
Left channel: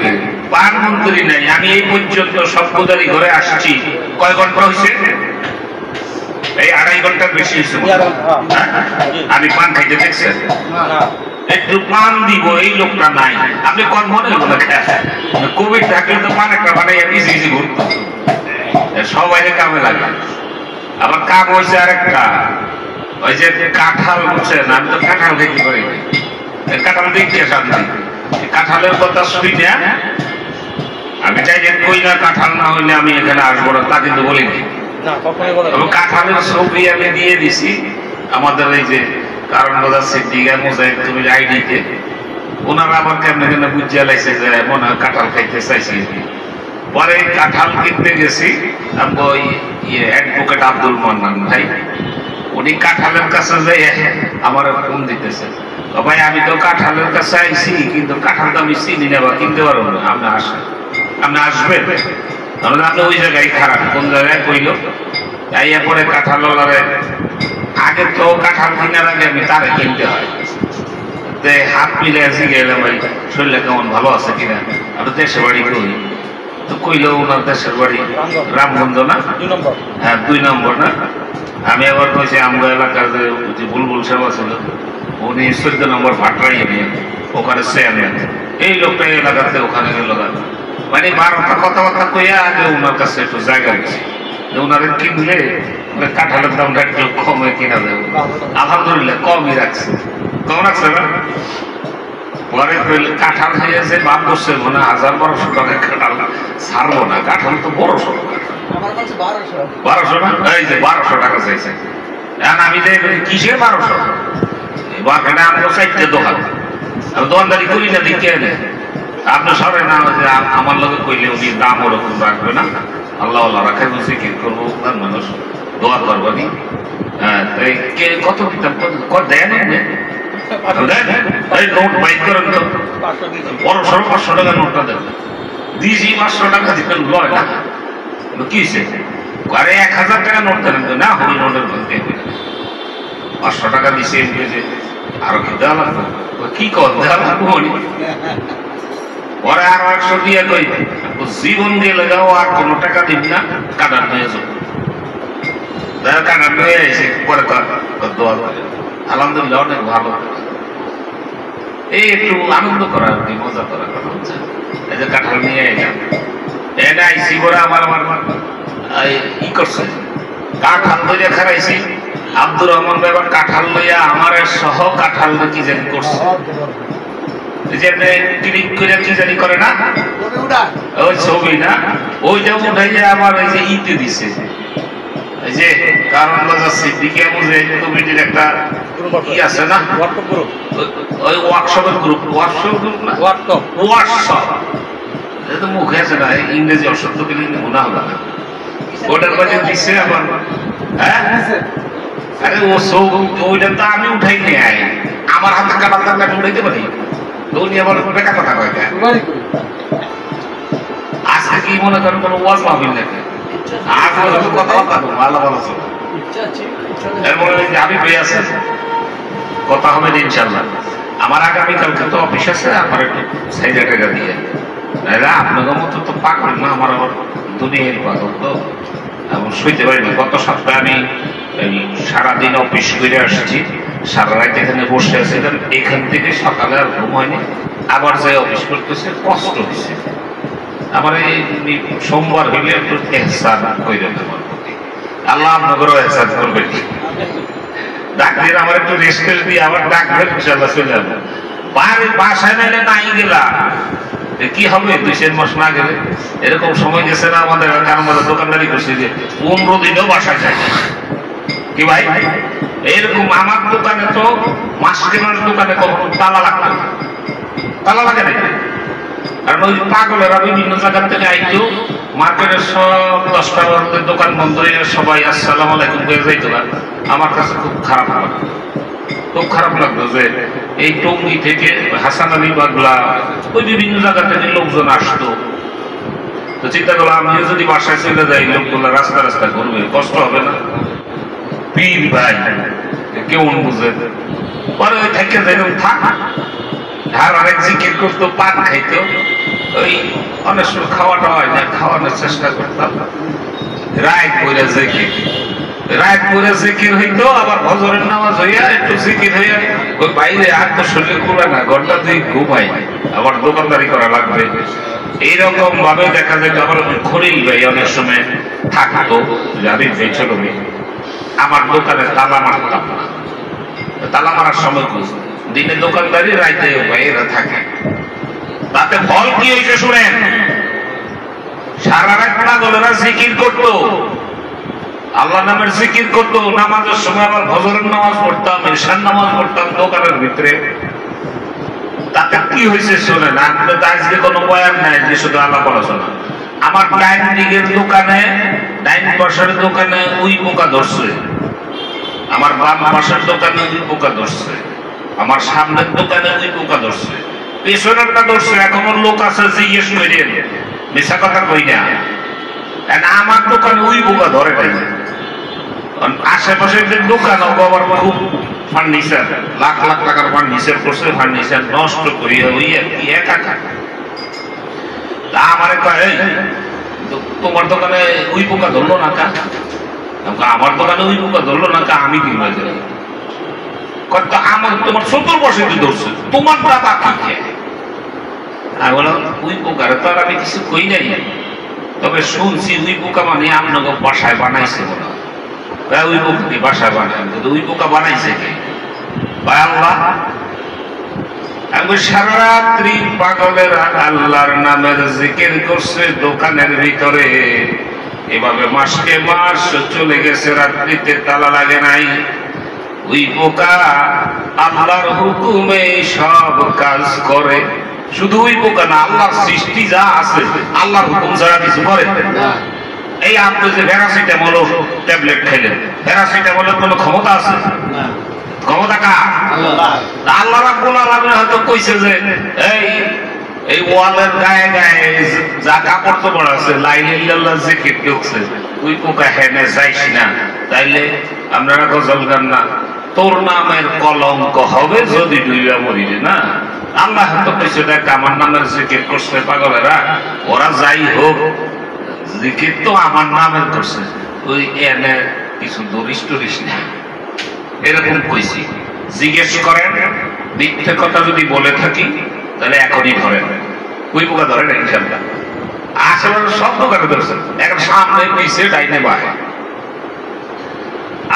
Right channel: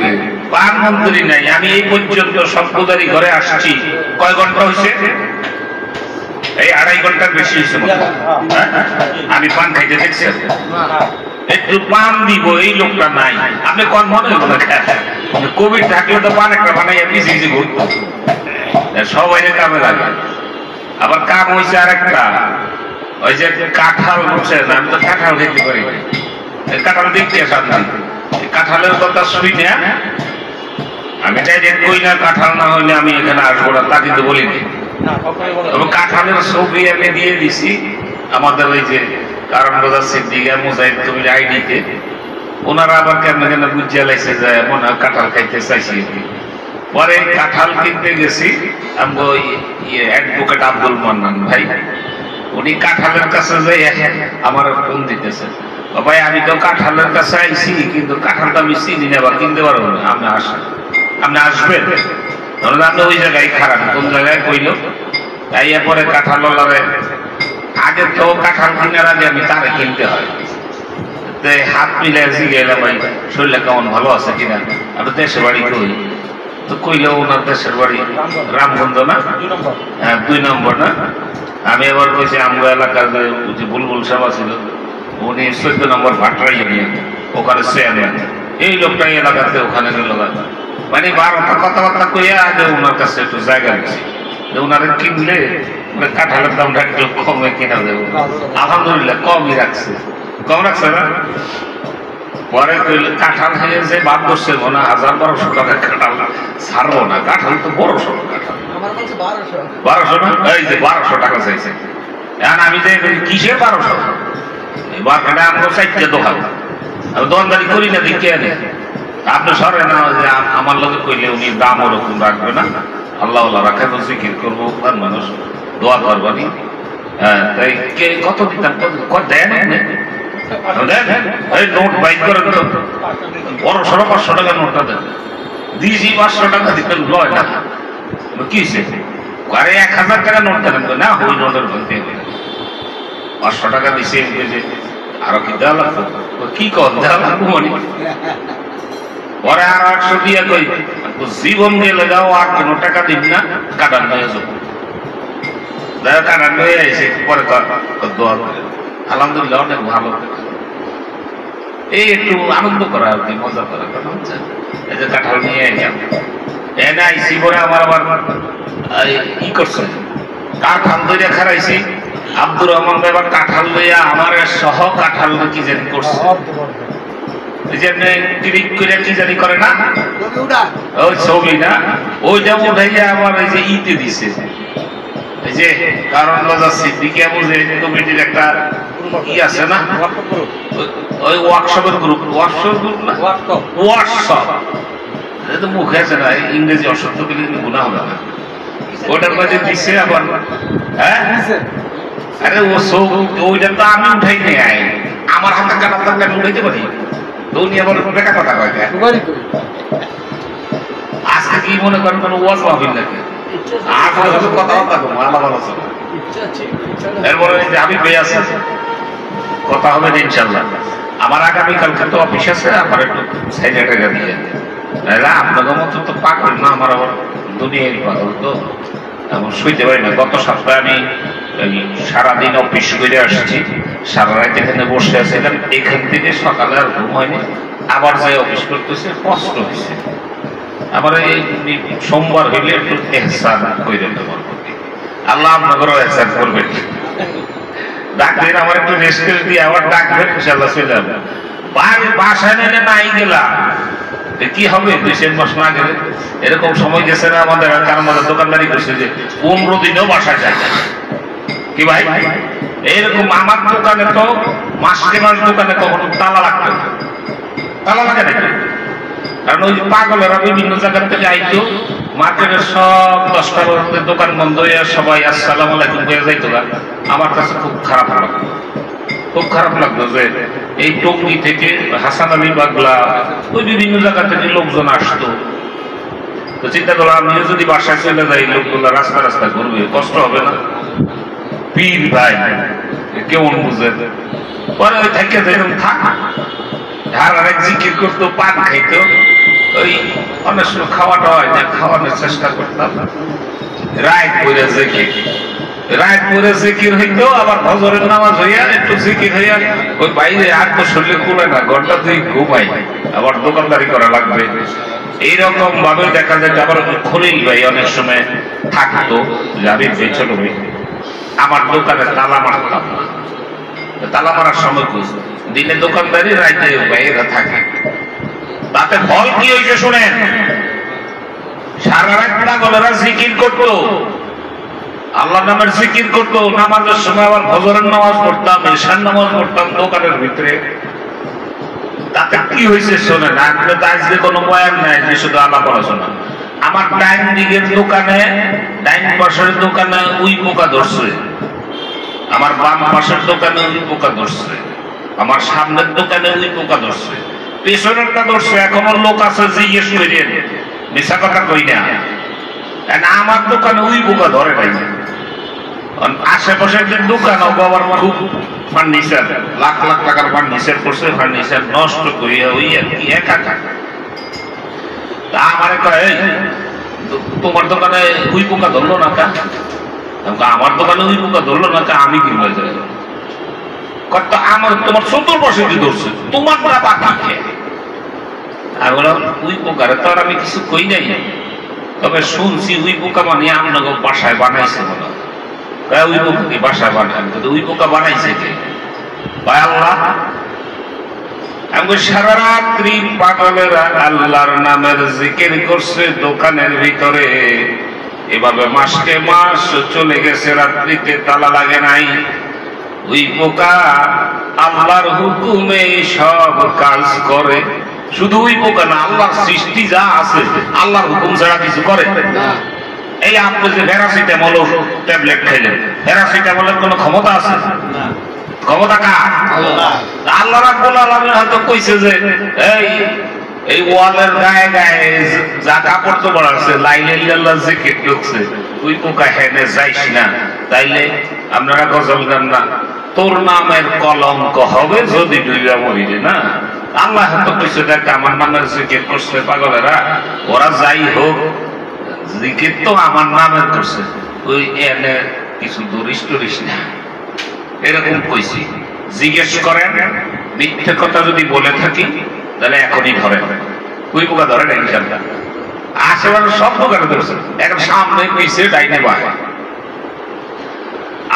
পান মন্ত্রী নাই। আমি এই পর্যন্ত সভ্যদারি ঘরে আসছি, কয় ঘন্টা হয়েছে? এই 2.5 ঘন্টার বেশি হয়েছে। আমি পান খাইতে দেখছি, একটু পান দিব, এই লোকটা নাই। আপনি কোন মনে হইব না, কোভিড থাকলে তো পান একটা বানাইয়া ইজি ইজি ঘুরত, সবাই কামে লাগে। আবার কাম হয়েছে আর একটা, ওই যে কাঁঠাল বলছেন, আমি তো কাঁঠাল খেতে পারি, কাঁঠাল দেখতে শান্তি। কাঁঠালের কথা শুই না, আমি চাই যে কই না কাঁঠাল না হইলে আমি এখানে আসবো না, তা কিন্তু বলিনি। কাঁঠালের ছবি আমি দিয়ে দিছি আমাদের এই যে কারণ বাজার সিদ্দিকা মুজাহিদ তুমি আইডিতে, ওনারা আবার কেমনে কেন বুঝিয়া লাইছে যে মনে হয় কাঁঠাল খাইতে চাইছি। পরে কাঁঠাল কিনতে গেছি, আমি ওই অ্যাডভোকেট আব্দুল মান্নান ভাই, উনি কাঁঠালের কাছে যাই আমার ফোন দিতেছে, ভাই আমি তো কাঁঠালের কাছে আইছি, কিন্তু কাঁঠালটা আমি চিনি না বা কিনতে পারবো না, আপনি আসেন, আপনি আসবেন। আপনি ওই জায়গায় খারাপ, কোন জায়গায় কইল, তাই এরপরে কাঁঠাল আগে তো কাঁঠাল কেনার আগে আমি তারে কিনতে হয়, হাত মিলে গেলাম ভাই শরীরে কেমন ভালো আছে কিনা, আমি দেশের বাড়ি কই, তো কইল ওনার দেশের বাড়ি রামগঞ্জ না? হ্যাঁ 2 নম্বর না? আমি আবার কইছি আমরা এলাকার যে বুলবুল সাহেব ছিল, উনি 14 নম্বর ভাটরাইয়ে নিয়ে ওখানে চেয়ারম্যান, এই লোকটা এলাকাতে ওখানে গেল। মানে 12টা কথাবার্তা কইয়া আগে ওনার কাছে একটু জায়গা গেছি, ওনারে কিনলে কাঁঠালের দামটা একটু কমে কিনা যাবে। আলহামদুলিল্লাহ কমই রাখছে, কম রাখছে না। পরে কাঁঠাল খেয়ে যে বাদ করছে মনে 1000-1200 টাকা কাঁঠাল ছাড়বো না, কাঁঠাল তো বড় সড়ো কাঁঠাল, 1200 না? এই যে 1200 টাকা চাইছে। এখন আমি কিসের 1200? বাকিটা আপনার 4টে দোকান, আমি দোকানদারি করি না, দিকে আনে আপনি সরে না, যে আমার লোকে কইলে উনি দাম ওরকম রাখবে না, আল্লাহ রাখে বলছি কি করবো, মানুষ দোয়া করবানি। হ্যাঁ তাই কে কত দিতাম, দেন এই নোট বাইক করেন তো, বড় সড়ো 500 টাকা নোটটা দেন, দিয়েছি 500 টাকা দিবেন, লয় না কি আরে 1000 টাকা নোট দেন না, ওই নোটের বলতে 500 টাকা দিছে, যে আরো কি দেওয়া লাগতো, কি কর দেওয়া লাগতো, পরে আরো 100 দিয়ে কই জীবন দিয়ে লাগাও, আর কোনো টাকা দিব না, কাটার নিয়ে যাবো, কাটার নিয়ে এসে পরে দোয়া করে। আলহামদুলিল্লাহ অনেক ভালো, এই একটু আনন্দ করা আর কি, মজা করা, এই যে কাঁঠাল নিয়ে এলাম, এনে আইসি পরে আমার ই করছে, কাঁঠাল ধরে খারাইছি, আব্দুর রহমান এবার কাঁঠাল লইয়া আমার সহ কাঁঠাল কি জানি করছে, কি জানি করে না, ওই ছবি না, ওইটা উঠাইয়া আমার এই যে ইতে দিছে, এই যে কারণ বাজার সিদ্দিকিয়া বুঝে কমিটির একটা ই আছে না, ওই ওয়ার্কশপের গ্রুপ, না ওয়ার্কশপ, তো মুখে আছে না, ইংরেজি অসত্য পেলে গুণা হবে না, ওটার কাছে দিচ্ছে আবার। হ্যাঁ আরে ও ওইটা তো আমি উঠাই নিয়ে আই, আমার হাতে কাটা থাকলে আমি উঠাইতে পারি, উনি আবার বেটা কথা কয়, আজকে কি মনে করেন কোনো ওয়াজ পাবেন নাকি, কথাবার্তা কম আল্লাহ ভালো আছে, এরপরে আমি পেয়ে আছে কথা হবে ইনশাল্লাহ। আমার আগামীকালকে তো অফিস আছে, আমার একটু সাইডে টাকা দিয়ে আপনাদের মতো তো পাগল না, আমার আবার দুনিয়ার পাগল তো, আমার শুইতে পারি না। গত সপ্তাহে আমি সারাদিন অফিস করে আসছি, সারা রাত এখানে বসে আছে, এখান থেকে সকালে আর ঘুম হয়নি, আবার যাই অফিস করতেছে, কষ্ট হয়েছে। আবার এই সোমবার হইলে একটু এহসান করে দেওয়ার প্রতি, আল্লাহ আপনাদেরও এহসান করবেন। ডাক্তার আমার একটু রেস্ট দিয়ে আবার ডাকবেন, ইনশাল্লাহ চলে যাবে। বাসায় নাইলে নাই গেলাম, কি হবে 2-3 মাস না গেলে? এরকম সময় গেছে না আমাদের, আমরা দোকানদারি করছি যে 15 দিনও বাসা যায় কি ভাই? এরকম আমার দোকানে তো মাসে মাস দোকানে কখনো তালা লাগতো, তালা লাগে নাকি? কারণ ওই পাগলেরা বিভিন্ন জায়গা থেকে আইতো, মার্কেটের সব 10-12 দোকান বন্ধ হয়ে সবাই আসসালাম আলাইকুম হয়ে যাইতো। আমার কাছে খুব খারাপ লাগতো, খুব খারাপ লাগতো যে এই টঙ্গী থেকে হাসান আলী বাগলা ওই বিভিন্ন জায়গা থেকে লোকজন আসতো। তো চিন্তা করলাম আমি যদি বাসায় চলে যাই, লোকগুলো রাস্তা রাস্তা ঘুরবে, কষ্ট হবে না? পীর ভাই কেমন বুঝে পরে থেকে যেরকম থাক, আর অনেক জিকির করতো, পান খাইতো, ওই অনেক সময় খাওয়াটা হয় না, খাওয়ানোর চেষ্টা করতাম। রাত করে জিকির, রাত করে জিকির হইতো, আবার ফজরের নামাজ হইয়া একটু জিকির হইয়া ওই বাইরে হাত তো শরীরে খুলে না, ঘন্টা দুই ঘুমাই, আবার দোকানদারি করা লাগবে। এইরকম ভাবে দেখা যায়। আবার খলিল ভাই অনেক সময় থাকতো, জাবির ভাই ছোট ভাই, আমার দোকানে তালা মারতাম না। তালা মারার সময় কি দিনে দোকানদারি, রাইতে ভাইয়েরা থাকে। তাতে ফল কি হয়েছে শুনেন, সারা রাত পাগলেরা জিকির করতো, আল্লাহ নামের জিকির করতো, নামাজের সময় আবার ফজরের নামাজ পড়তাম, ঈশার নামাজ পড়তাম দোকানের ভিতরে। তাতে কি হয়েছে শোনেন, আজকে কোনো বয়ান নাই যে শুধু আলাপ আলোচনা। আমার ডাইন দিকের দোকানে, ডাইন পাশের দোকানে উই পোকা ধরছে, আমার বাম পাশের দোকানে উই পোকা ধরছে, আমার সামনের দোকানে উই পোকা ধরছে, পেছনেরটা ধরছে। এখন লোক আছে জিজ্ঞেস করেন, মিশা কথা কই না, আমার দোকানে উই পোকা ধরে নাই। আশেপাশের যে দোকান আবার খুব ফার্নিচার, লাখ লাখ টাকার ফার্নিচার করছে, ফার্নিচার নষ্ট করিয়া ওই একা টাকা। তা আমারে কয়, তোমার দোকানে উই পোকা ধরলো না কা? আমার দোকানে উই পোকা ধরলো না কা? আমি কিনবে যাই কত, আমার তোমার 70 বছর ধরছে, তোমার বাবা কি খেয়ে? আমি বললাম উই পোকারে তো আর আমি কিছু কই নাই, তবে শুনছি উই পোকা মানে আপনাকে বাসায় বানাইছে মনে হয়। ওই পোকাকে বাসায় বানায়, ওই পোকা বানাইছে কে? ভাই আল্লাহ। আমি সারা রাত্রি পাগলেরা আল্লাহর নামের জিকির করছে দোকানের ভিতরে, এভাবে মাসকে মাস চলে গেছে, রাত্রিতে তালা লাগে নাই। ওই পোকা আল্লাহর হুকুমে সব কাজ করে। শুধু ওই পোকা না, আল্লাহর সৃষ্টি যা আছে আল্লাহর হুকুম ছাড়া কিছু করে না। এই আপনি যে প্যারাসিটামল ট্যাবলেট খাইলেন, প্যারাসিটামলের কোনো ক্ষমতা আছে? ক্ষমতা কার? আল্লাহ রাব্বুল আলামিন হয়তো কইছে যে এই ওয়ালের গায়ে গায়ে যা কাপড় তো বড় আছে, লা ইলাহা ইল্লাল্লাহ জিকির করছে, ওই পোকা হেনে যাইস না। তাইলে আপনারা গজল গান না, তোর নামের কলঙ্ক হবে যদি ডুইবা মরিবে না। আল্লাহ হয়তো কইছে দেখ আমার নামের জিকির করছে পাগলেরা, ওরা যাই হোক জিকির তো আমার নামের করছে, ওই এনে কিছু দরিস টরিস না, এরকম কইছি। জিজ্ঞেস করেন, মিথ্যে কথা যদি বলে থাকি তাহলে এখনই ধরেন। কুই পোকা ধরে না ইনশাল্লাহ, আশেপাশে সব দোকানে ধরছে, এখন সামনে পিছিয়ে ডাইনে বাহে।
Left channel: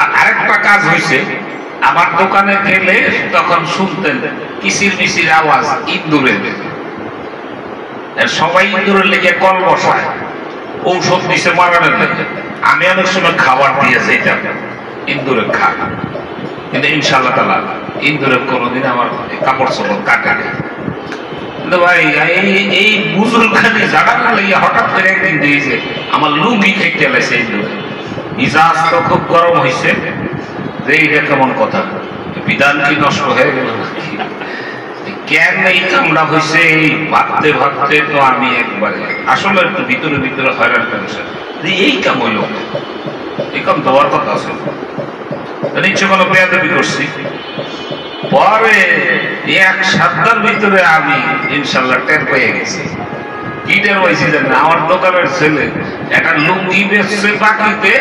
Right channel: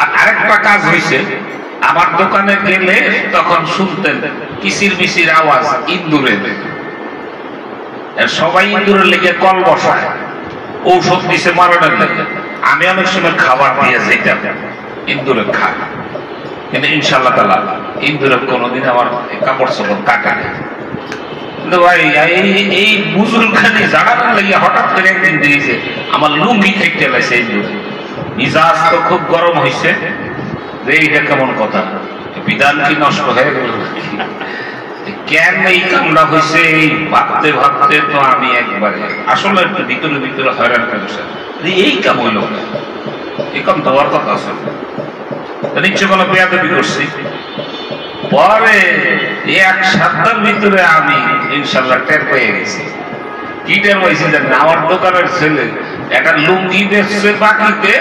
আর আরেকটা কাজ হয়েছে, আমার দোকানে গেলে তখন শুনতেন কিসির মিসির আওয়াজ, ইন্দুরের। সবাই ইন্দুরের লেগে কল বসায়, ঔষধ দিছে মারানোর লেগে। আমি অনেক সময় খাবার দিয়ে যেতাম ইন্দুরে খা, কিন্তু ইনশাল্লাহ তাআলা ইন্দুরে কোনোদিন আমার কাপড় চোপড় কাটে না। কিন্তু ভাই এই বুজুল খালি জাগানোর লেগে হঠাৎ করে একদিন দিয়েছে আমার লুঙ্গি খেতে লাগছে। মিজাজ তো খুব গরম হয়েছে, এইটা কেমন কথা, বিধান কি নষ্ট হয়ে গেল? কেন এই কামড়া হয়েছে ভাবতে ভাবতে তো আমি একবারে আসলে একটু ভিতরে ভিতরে হয়রান করেছে। এই কাম হইল, এখন দেওয়ার কথা আছে, নিশ্চয় কোনো বেয়াদবি করছি। পরে এক সপ্তাহের ভিতরে আমি ইনশাল্লাহ টের পেয়ে গেছি। কি টের পাইছি জানেন? আমার দোকানের ছেলে একটা লুঙ্গি বেচছে বাকিতে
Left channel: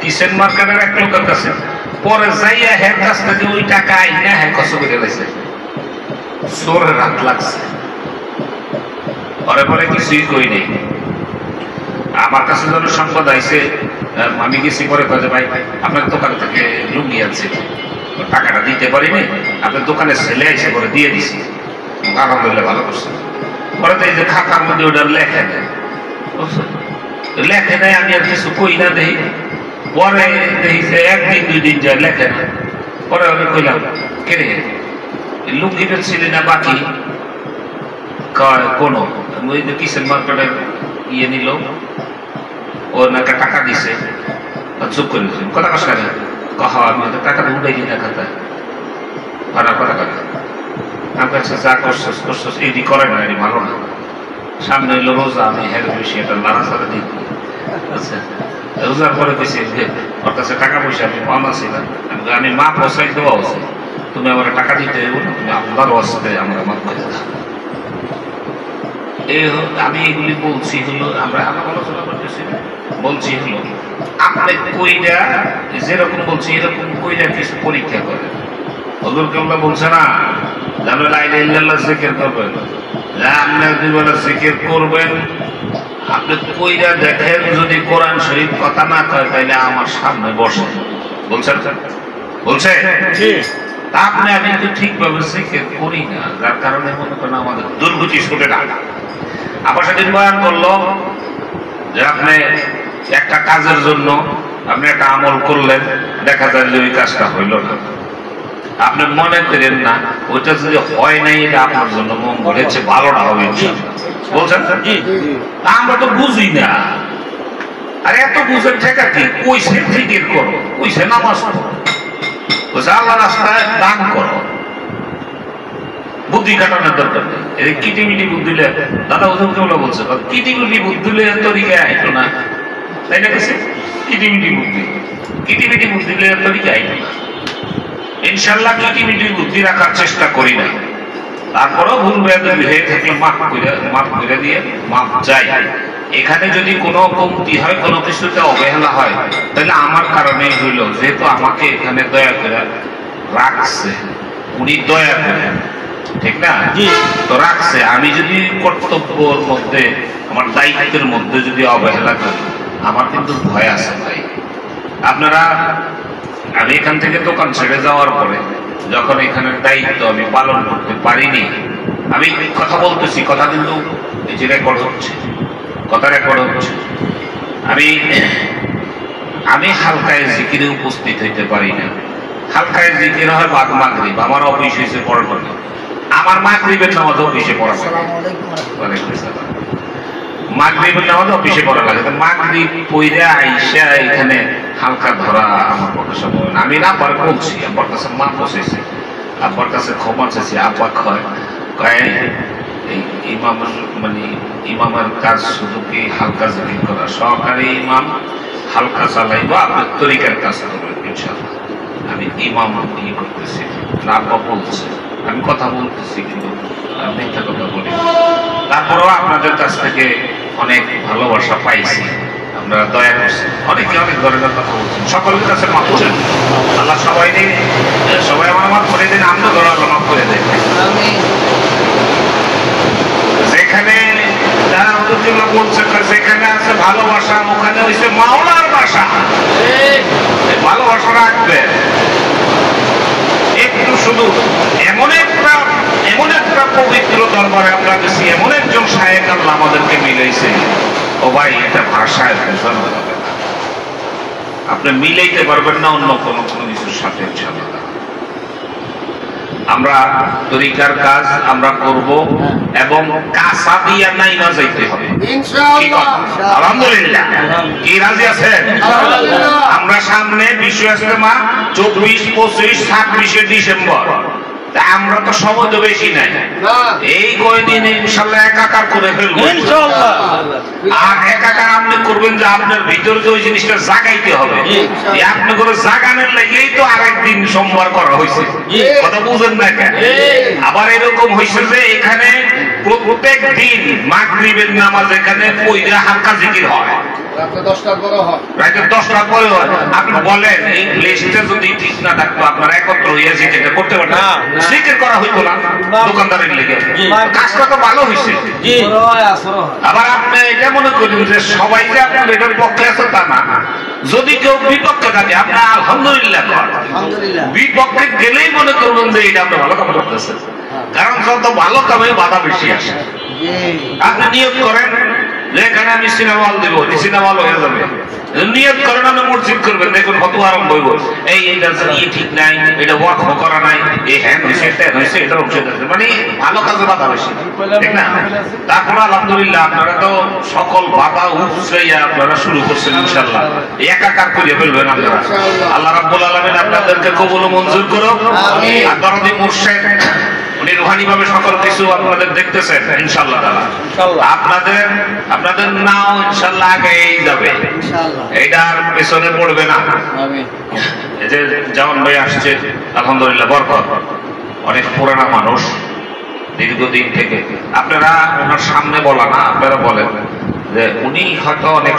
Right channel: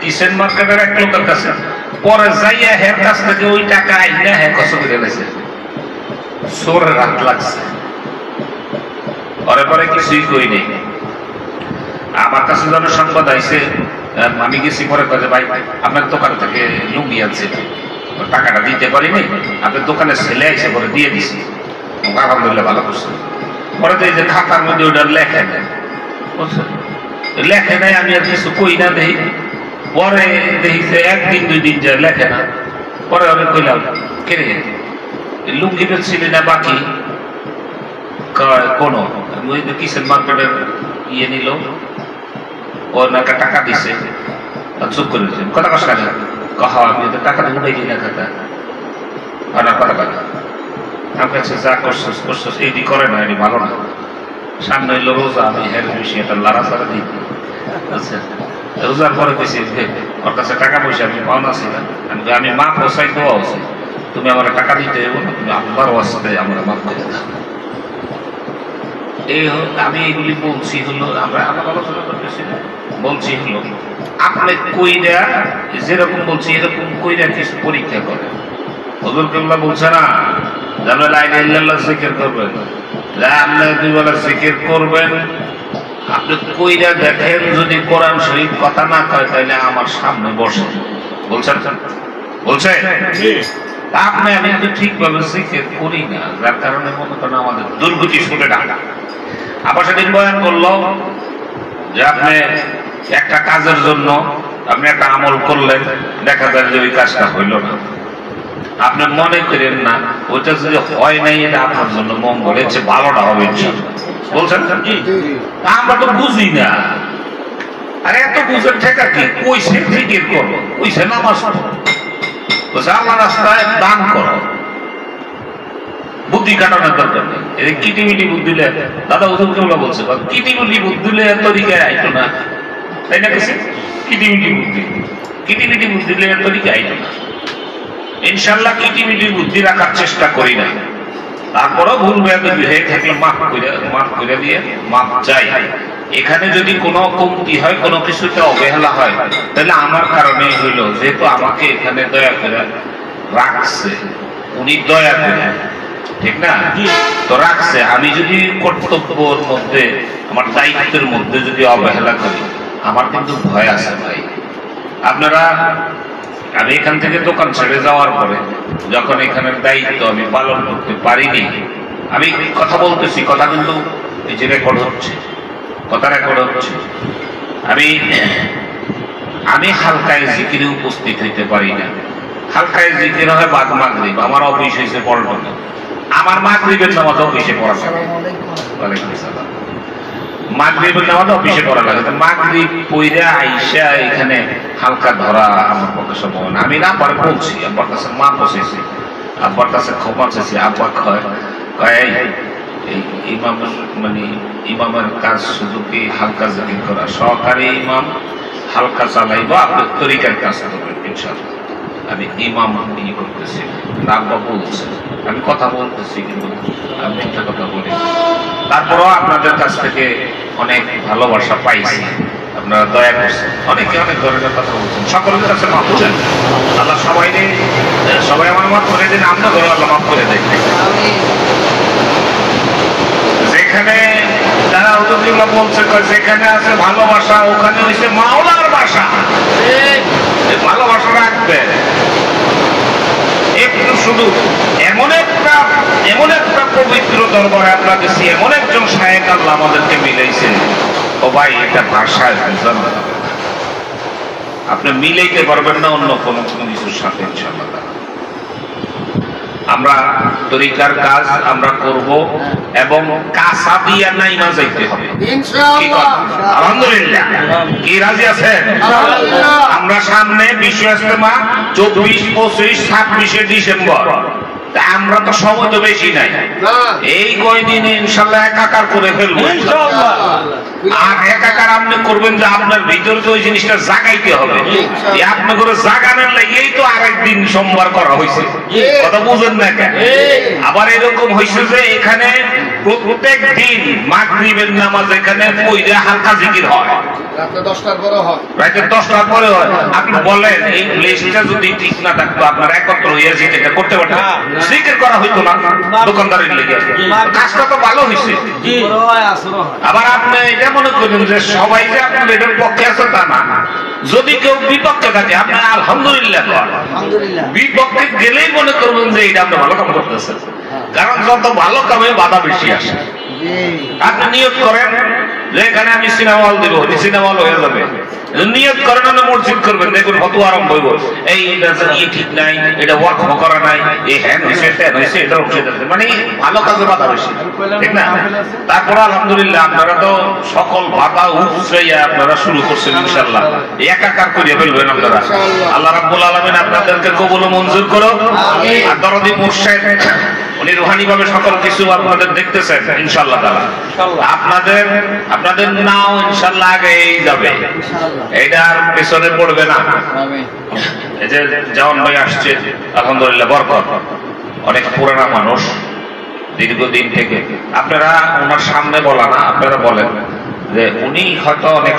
কিচেন মার্কেটের এক লোকের কাছে, পরে যাইয়া হ্যাঁ কাছ থেকে ওই টাকা আইনা হ্যাঁ কষ্ট করে গেছে। চোরের হাত লাগছে, পরে পরে কিছুই কই নেই। আমার কাছে যখন সংবাদ আইছে আমি গেছি, পরে কাজে ভাই আপনার দোকান থেকে লুঙ্গি আনছি, টাকাটা দিতে পারিনি, আপনার দোকানে ছেলে এসে করে দিয়ে দিছি। আলহামদুলিল্লাহ ভালো করছে। পরে তো এই যে খাতার মধ্যে ওটা লেখে দেয়, বুঝছেন, লেখে দেয়, আমি আর কিছু কই না দেখি। পরে দেখি যে একদিন দুই দিন যায় লেখে না। পরে আমি কইলাম, কে রে লুঙ্গি বেচছিলি না বাকি? কোনো ওই যে কিচেন মার্কেটের ইয়ে নিল, ও একটা টাকা দিছে, চুপ করে দিচ্ছি। কথা কষ্ট লাগে, কহা আমি তো টাকা উঠাই দিই না খাতা, আর কথা কথা আমার কাছে যা করছিস করছিস এটি করে না, এটি ভালো না। সামনে এলো রোজা, আমি হের বেশি একটা লাড়া ছাড়া দিই। আচ্ছা, রোজার পরে দিছি ওর কাছে টাকা পয়সা আমি পাওনা ছিল, আমি মা পয়সাই দেওয়া হচ্ছে, তুমি আমার টাকা দিতে হবে না, তুমি আপনার আসতে আমরা মাফ করে দাও। এই আমি এইগুলি বলছি হলো, আমরা আলোচনা করতেছি, বলছি হলো আপনি কইরা যেরকম বলছি এরকম কইরা কিছু পরীক্ষা করেন। হুজুর কেবলা বলছে না যে আমরা লা ইলাহা ইল্লাল্লাহ জিকির করবেন, আপনি দুই বেলা জিকির করবেন, আপনি কইরা দেখেন, যদি কোরআন শরীফ কথা না কয় তাহলে আমার সামনে বসে বলছেন, বলছে আপনি আমি কিন্তু ঠিকভাবে জিকির করি না, যার কারণে মনে করেন আমাদের দুর্গতি ছুটে ডাকা। আবার সেদিন বয়ান করলো যে আপনি একটা কাজের জন্য আপনি একটা আমল করলেন, দেখা যায় যে ওই কাজটা হইল না, আপনি মনে করেন না ওইটা যদি হয় নাই এটা আপনার জন্য মঙ্গল, হচ্ছে ভালোটা হবে বলছেন। আমরা তো বুঝি না, আর এত বুঝেন ঠেকা কি, কইছে জিকির করো, কইছে নামাজ পড়ো, আল্লাহ রাস্তায় দান করো, বুদ্ধি কাটানোর দরকার নেই। এই কিটিমিটি বুদ্ধি দিলে দাদা ওজন কেবলা বলছে কিটিমিটি বুদ্ধি দিলে এত দিকে আইতো না, তাই না? কিছু কিটিমিটি বুদ্ধি, কিটিমিটি বুদ্ধি দিলে এত দিকে আইতো না। ইনশাল্লাহ কিটিমিটি বুদ্ধি রাখার চেষ্টা করি না, তারপরেও ভুল হয়ে থাকলে মাফ করে দিয়ে মাফ চাই। এখানে যদি কোনো কমতি হয়, কোনো কিছুতে অবহেলা হয়, তাহলে আমার কারণেই হইল, যেহেতু আমাকে এখানে দয়া করে রাখছে, উনি দয়া করে, ঠিক না, তো রাখছে। আমি যদি কর্তব্যের মধ্যে, আমার দায়িত্বের মধ্যে যদি অবহেলা করি, আমার কিন্তু ভয় আছে ভাই। আপনারা, আমি এখান থেকে দোকান ছেড়ে যাওয়ার পরে যখন এখানের দায়িত্ব আমি পালন করতে পারিনি, আমি কথা বলতেছি, কথা কিন্তু এই যে রেকর্ড হচ্ছে, কথা রেকর্ড হচ্ছে, আমি হালকায় জিকিরে উপস্থিত হইতে পারি না। হালকায় জিকির হয় বাদ মাগরিব, আমার অফিস হয়েছে পড়ানো, আমার মাগরিবের নামাজ অফিসে পড়া লাগে, মাগরিবের নামাজ অফিসে পড়া লাগে, মাগরিব পইরা আইসা এখানে হালকা ধরা আমার পক্ষে সম্ভব না। আমি আব্বার বলছি, আব্বার কাছে মা বসেছি, আব্বার কাছে ক্ষমা চাইছি। আব্বা কয় এই ইমাম মানে ইমামের কাজ শুধু কি হালকা জিকির করা, সহকারী ইমাম হালকা চালাইবা, আপনার তরিকার কাজ করবেন ইনশাআল্লাহ। আমি ইমাম ইয়ে করতেছি, আব্বা বলছে, আমি কথা বলতেছি কিন্তু আমি একটা কথা বলি। তারপরেও আপনাদের কাছ থেকে অনেক ভালোবাসা পাইছি, আপনারা দয়া করছেন, অনেকে অনেক ধরনের কথা বলছেন, সকলের কাছে মাফ চান। আল্লাহ সবাই আমার মাফ করে দিন, আমরা ধরো আল্লাহ মাফ করে দেন। যেখানে যারা হুজুরুল্লাহ বলছে যেখানে আছে ভালোবাসা, ওখানে হইছে মাওলার বাসা। ভালোবাসা রাখবে একটু, শুধু এমন একটা পবিত্র দরবারে আমরা গেছি, এমন একজন শায়েখ আল্লাহ আমাদেরকে মিলাইছে, ও ভাই এটা ভাষায় বোঝানো যাবে না, আপনি মিলাইতে পারবেন না অন্য কোনো কিছুর সাথে। ইনশাআল্লাহ আমরা তরিকার কাজ আমরা করব, এবং কাঁচা দিয়া নাই না যাইতে হবে ইনশাআল্লাহ। আলহামদুলিল্লাহ, কি রাজি আছেন? আমরা সামনে বিশ্ব ইজতেমা 24, 25, 26 ডিসেম্বর, আমরা তো সময় তো বেশি নাই, এই কয়দিন ইনশাআল্লাহ একাকার করে ফেলবো ইনশাআল্লাহ। আর একাকার আপনি করবেন যে আপনার ভিতরে যে ওই জিনিসটা জাগাইতে হবে, আপনি করে জাগানোর লাগেই তো আরেকদিন সোমবার করা হয়েছে, কথা বুঝেন না কেন? আবার এরকম হয়েছে যে এখানে প্রত্যেক দিন মাগরিবের নামাজ এখানে পয়দা হালকা জিকির হয়, রাতে 10টার পরে হয়। আপনি বলেন এই প্লেসটা যদি ঠিক না থাকতো, আপনারা একত্র হইয়া জিকিরটা করতে পারতেন? জিকির করা হইতো না দোকানদারের লিগে, কাজটা তো ভালো হয়েছে। আবার আপনি এটা মনে করেন যে সবাই যে আপনার এটার পক্ষে আছে তা না, যদি কেউ বিপক্ষে থাকে আপনি আলহামদুলিল্লাহ করেন, বিপক্ষে গেলেই মনে করবেন যে এটা আপনি ভালো কাম করতেছেন, কারণ যত ভালো কামে বাধা বেশি আসে। আপনি নিয়ত করেন যে এখানে আমি সিনেমা হল দেবো, সিনেমা হল হয়ে যাবে। নিয়ত করেন আপনি মসজিদ করবেন, দেখুন কত আরম্ভ হইব, এই এটা ঠিক নাই, এটা ওয়াক করা নাই, এই হ্যান হয়েছে ট্যান হয়েছে, এটা মানে ভালো কাজে বাধা বেশি, ঠিক না? তারপরে আলহামদুলিল্লাহ আপনারা তো সকল বাধা উৎসাইয়া আপনারা শুরু করছেন, ইনশাআল্লাহ একাকার করে ফেলবেন আপনারা। আল্লাহ রাব্বুল আলামিন আপনাদেরকে কবুল ও মঞ্জুর করো। আর দরদি মুর্শিদ উনি রুহানি ভাবে সকল কিছু আপনাদের দেখতেছেন ইনশাআল্লাহ তাআলা। আপনাদের নাও ইনশাআল্লাহ আগেই যাবে, এইটার পেছনে পড়বে না। এই যে জওয়ান ভাই আসছে আলহামদুলিল্লাহ বরকত, অনেক পুরানা মানুষ, দীর্ঘদিন থেকে। আপনারা ওনার সামনে বলা না, আপনারা বলেন যে উনি হয়তো অনেক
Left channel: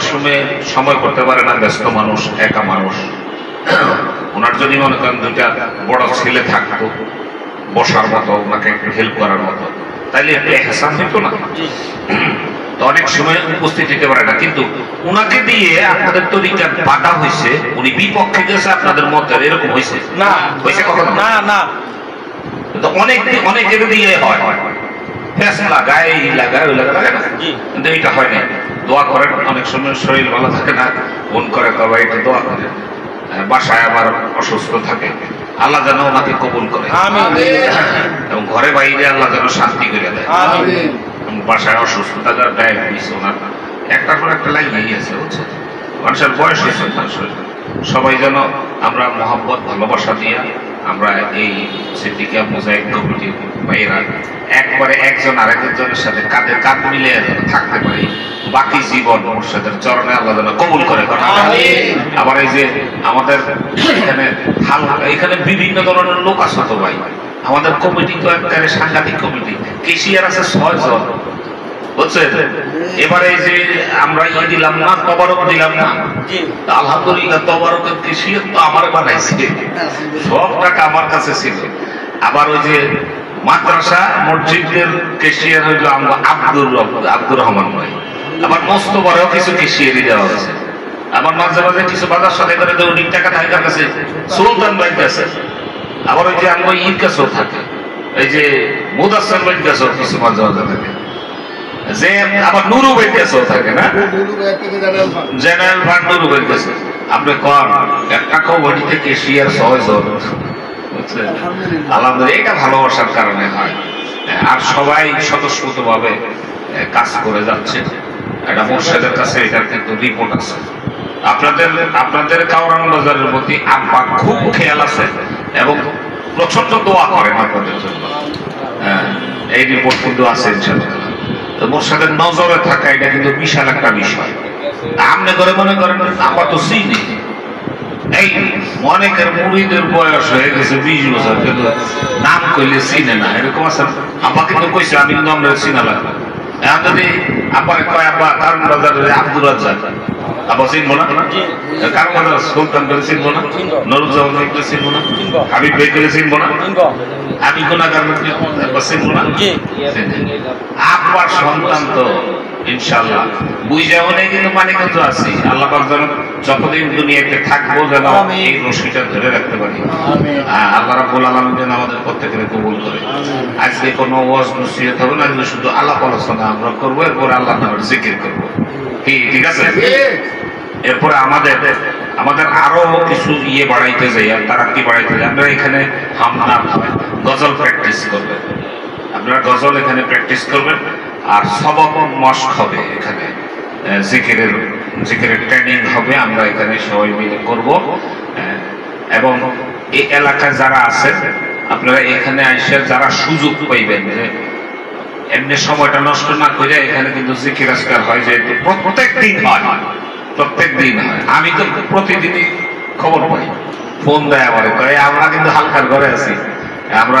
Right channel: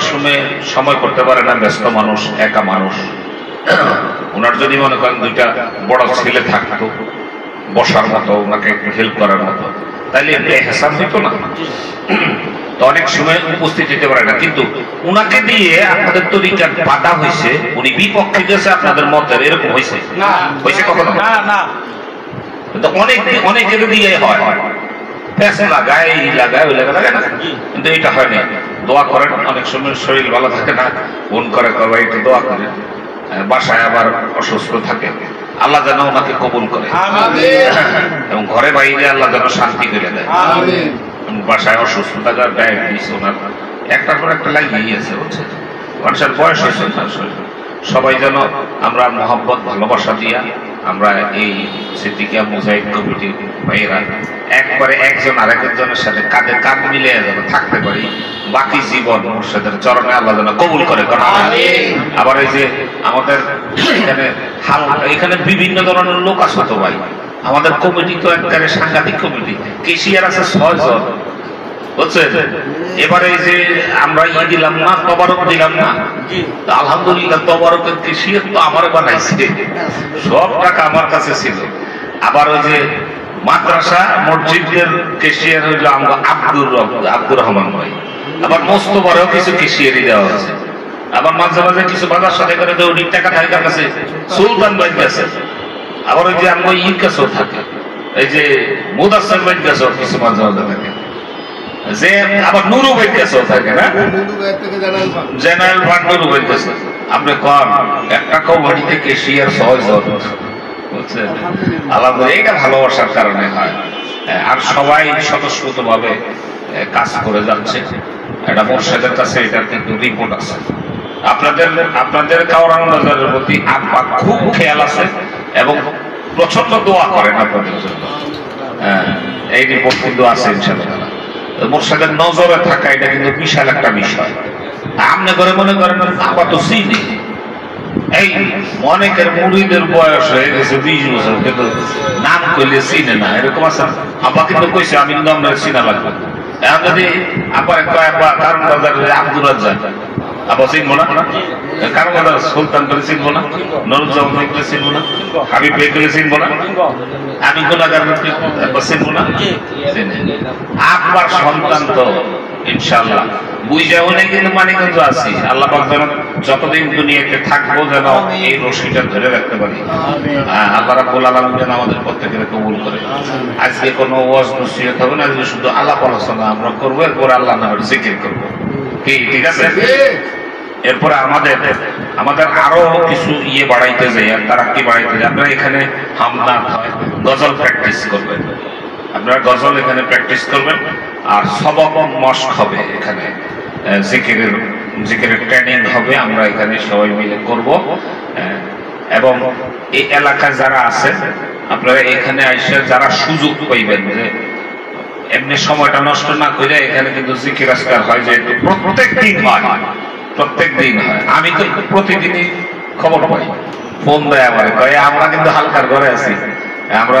সময় করতে পারে না, ব্যস্ত মানুষ, একা মানুষ। ওনার যদি মনে করেন দুইটা বড় ছেলে থাকতো বসার মতো, ওনাকে হেল্প করার মতো, তাইলে এহসান হইতো না? তো অনেক সময় উপস্থিত হতে পারে না, কিন্তু উনাকে দিয়ে আপনাদের তরিকার বাধা হয়েছে, উনি বিপক্ষে গেছে আপনাদের মতের, এরকম হয়েছে না? হয়েছে কখনো? না না। তো অনেকের দিয়ে হয়, লাগায় এই লাগায় ওই লাগায় না, কিন্তু এটা হয় না। দোয়া করেন, অনেক সময় শরীর ভালো থাকে না, ফোন করে করবে একটু দোয়া করেন, বাসায় আবার অসুস্থ থাকে, আল্লাহ যেন ওনাকে কবুল করে, এবং ঘরে বাইরে আল্লাহ যেন শান্তি করে দেয়। বাসায় অসুস্থতা, ডায়াবেটিস ওনার একটার পর একটা লাগিয়েই আছে, বুঝছে? মানুষের বয়স হয়েছে, সবাই যেন আমরা মহব্বত ভালোবাসা দিয়া আমরা এই সিদ্দিকিয়া মুজাহিদ কমিটির ভাইয়েরা একবারে একজন আরেকজনের সাথে কাঁধে কাঁধ মিলিয়ে যেন থাকতে পারি বাকি জীবন। মুর্শিদের চরণে আল্লাহ যেন কবুল করে। আবার এই যে আমাদের এখানে বিভিন্ন ধরনের লোক আছে তো ভাই, আমাদের কমিটি তো একবারে সাংঘাতিক কমিটি, কেশিয়ার আছে 6 জন, বুঝছেন? এবারে যে আমরা দিলাম না, তবারক দিলাম না, আলহামদুলিল্লাহ তবারকের কেশিয়ার তো আমার বানাইছে, সব টাকা আমার কাছে ছিল। আবার ওই যে মাদ্রাসা মসজিদের কেশিয়ার হইল আমরা আব্দুর রহমান ভাই, আবার মোস্তফারও কিছু কেশিয়ারি দেওয়া হয়েছে। আবার মাঝে মাঝে কিছু বাজার সাথে করে দৌড়ির টাকা থাকে তার কাছে, সুলতান ভাইয়ের কাছে। আবার ওই যে আমরা ঈদ কাছেও থাকে, এই যে মুদাসসির ভাইয়ের কাছেও কিছু মাঝে মাঝে থাকে, যে আবার নুরু ভাইয়ের কাছেও থাকে না, জেনারেল ফান্ড নুরু ভাইয়ের কাছে। আপনি কম একটা কমিটিতে কেশিয়ার 6 জন, বুঝছেন? আলহামদুলিল্লাহ, এটা ভালোবাসার কারণে হয়। আর সবাই স্বতঃস্ফূর্ত ভাবে কাজ করে যাচ্ছে। এটা মুর্শিদের কাছে এটার কিন্তু রিপোর্ট আছে। আপনাদের কাওরান বাজারের প্রতি আব্বা খুব খেয়াল আছে এবং প্রচন্ড দোয়া করেন আপনাদের জন্য। এই রিপোর্ট কিন্তু আছে ইনশাআল্লাহ। মুর্শিদের নজরে থাকা এটা কিন্তু বিশাল একটা বিষয়। আপনি করে মনে করেন আব্বা তো চিনি, এই অনেকের মুড়িদের বয়স হয়ে গেছে 20 বছর, কিন্তু নাম কইলে চিনে না, এরকম আছে। আব্বা কিন্তু কইছে আমি কিন্তু আমরা চিনা লাগবে। এখন যদি আব্বা কয় আব্বা কারণ বাজারে আব্দুর রাজ্জাক, আব্বা চিনবো না? কারণ বাজার সুলতান করে চিনবো না? নুরুজ্জামান ভাইকে চিনবো না? হাবিব ভাইকে চিনবো না? আমি গুনাহগার চিনবো না? আব্বার সন্তান তো ইনশাআল্লাহ বুঝা হলে কিন্তু মানিকগঞ্জ আছি। আল্লাহ পাক যেন যতদিন দুনিয়াতে থাকবো যেন এই রশিটা ধরে রাখতে পারি। আল্লাহ রাব্বুল আলামিন যেন আমাদের প্রত্যেকের কবুল করে। আজকে কোনো ওয়াজ নসিহত হবে না, আজকে শুধু আলাপ আলোচনা আমরা করবো, এরপরে আল্লাহ নামের জিকির করবো। ঠিক আছে? এরপরে আমাদের আরো কিছু বাড়াইতে যাই, তারা কি বাড়াইতে যাই, আপনারা এখানে হামনাত গজল প্র্যাকটিস করবেন, আপনারা গজল এখানে প্র্যাকটিস করবেন। আর সবক মশক হবে, এখানে জিকিরের ট্রেনিং হবে, আমরা এখানে সবাই মিলে করব। এবং এই এলাকায় যারা আছে আপনারা এখানে এসে যারা সুযোগ পাইবেন, যে এমনি সময়টা নষ্ট না করে এখানে কিন্তু জিকির আজকার হয়, যে প্রত্যেক দিন হয়। আমি তো প্রতিদিনই খবর পাই, ফোন দেয় আমার, আমরা কিন্তু হালকার ঘরে আছি, আমরা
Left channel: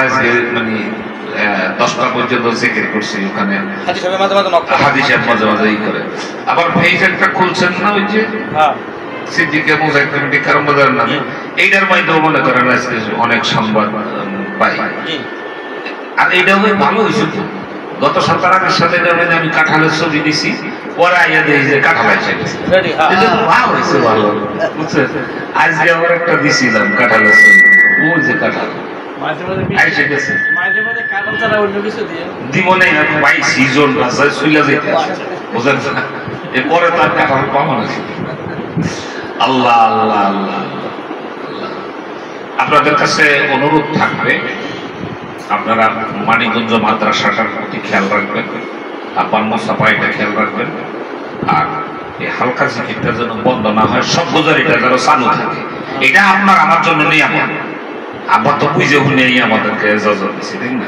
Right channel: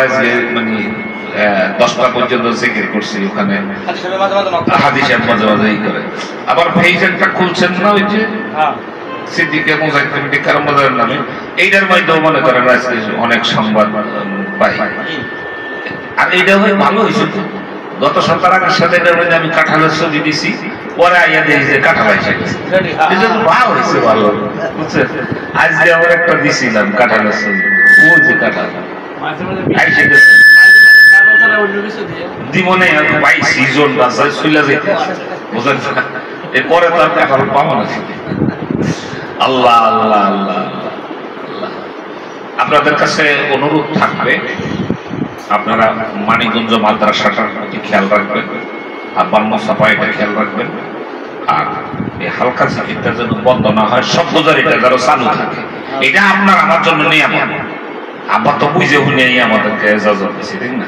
মানে 10টা পর্যন্ত জিকির করছি ওখানে, হাদি সাহেব মাঝে মাঝে ই করে। আবার পেজ একটা খুলছেন না, ওই যে সিদ্দিকিয়া মুজাহিদ কমিটি কারণ বাজারের নামে, এইটার মাধ্যমে মনে করেন আজকে অনেক সংবাদ পাই। আর এইটা ভালো হয়েছে তো, গত সপ্তাহের সাথে আমি কাঁঠালের ছবি দিছি, পরে আইয়া দিয়ে যে কাঁঠাল এসে গেছে, ভালো হয়েছে, ভালো বুঝছেন। আজকে আবার একটা দিছিলাম কাঁঠালের ছবি, ও যে কাঁঠাল এসে গেছে দিমনে ভাই সিজন রাস্তায় চলে যেতে বুঝলেন, এরপরে তো আর কাঁঠাল পাবো না। আল্লাহ আল্লাহ আল্লাহ। আপনাদের কাছে অনুরোধ থাকবে, আপনারা মানিকগঞ্জ মাদ্রাসাটার প্রতি খেয়াল রাখবেন, আব্বান মোসাফা এটা খেয়াল রাখবেন, আর এই হালকা জিকিরটা যেন বন্ধ না হয়, সব গুজারিটা যেন চালু থাকে। এটা আপনার আমার জন্য নিয়ামত, আব্বা তো বুঝে শুনে আমাদেরকে এজাজত দিচ্ছে, ঠিক না?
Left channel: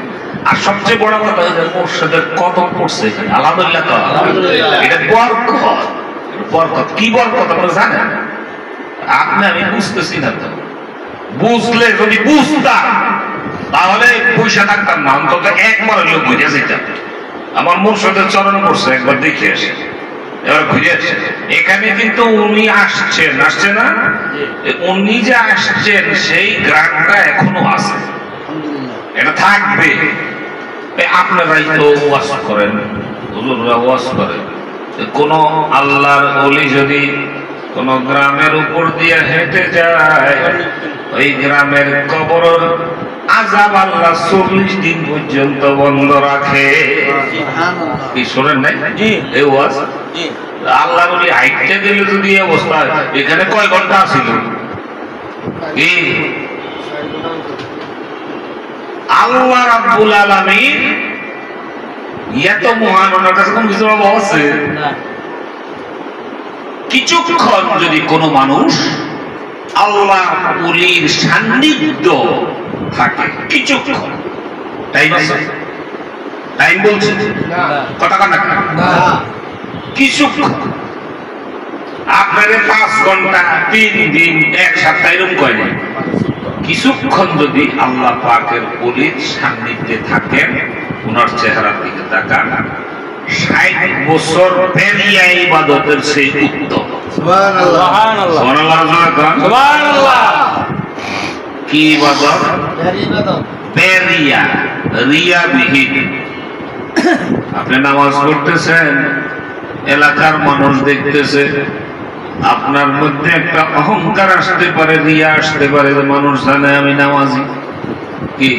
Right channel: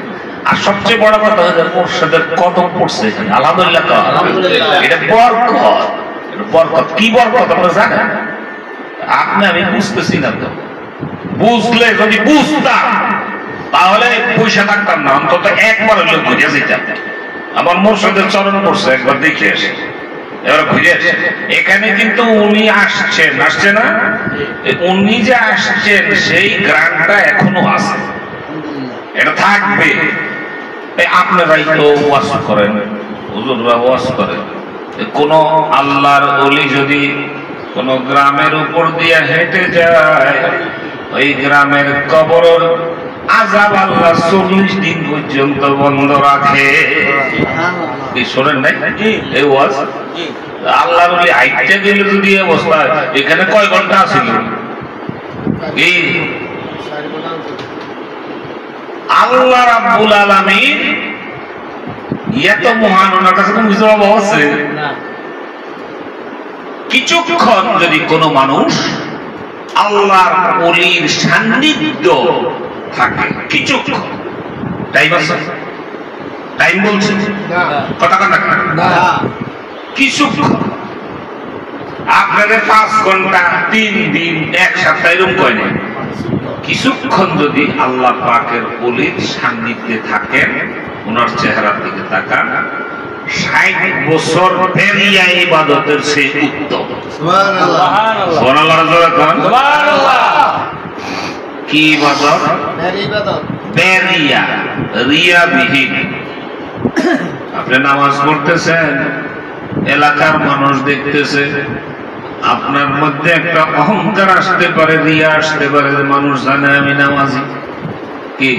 আর সবচেয়ে বড় কথা হচ্ছে মোর্শেদের কদম পড়ছে এখানে, আলহামদুলিল্লাহ। এটা বরকত, বরকত কি বরকত আপনারা জানেন? আমি বুঝতেছি না তো, বুঝলে যদি বুঝতাম তাহলে পয়সা থাকতাম না, অন্তত একবার হলেও বুঝে যেতাম। আমার মুর্শিদের চরণ পড়ছে, একবার দেখে আসে, এবার বুঝে আসে। এখানে কিন্তু উনি আসছেন, আসছে না? উনি যে আসছেন সেই গ্রামটা এখনো আছে, এটা থাকবে। আপনারাই তো ওয়াজ করেন, হুজুররা ওয়াজ করেন, কোন আল্লাহর ওলি যদি কোন গ্রামের উপর দিয়ে হেঁটে যায়, ওই গ্রামের কবর আযাব আল্লাহ 40 দিন পর্যন্ত বন্ধ রাখে। কি শোনেন নাই এই ওয়াজ? আল্লাহর ওলি হাইটে গেলে যদি অবস্থা, এখানে কয় ঘন্টা ছিল? এই আল্লাহ রাব্বুল আলামিন এত মহান, ওনার কাছে কোনো কিছু আছে? কিছুক্ষণ যদি কোনো মানুষ আল্লাহর ওলির সান্নিধ্য থাকে, কিছুক্ষণ টাইম আছে, টাইম বলছে কথা না, কিছুক্ষণ আপনাদের 5 ঘন্টা 3 দিন 1 সপ্তাহ এরকম কয় না, কিছুক্ষণ যদি আল্লাহ পাকের ওলির সান্নিধ্যে থাকেন, ওনার চেহারার দিকে তাকান, 60 বছর বেরিয়া ইবাদতের সেই উত্তম। সুবহানাল্লাহ, সুবহানাল্লাহ। কি ইবাদত? বেরিয়া, রিয়া বিহীন। আপনি নামাজ পড়তেছেন, এলাকার মানুষ দেখতেছে, আপনার মধ্যে একটা অহংকার আসতে পারে, রিয়া আসতে পারে, মানুষ জানে আমি নামাজি, কি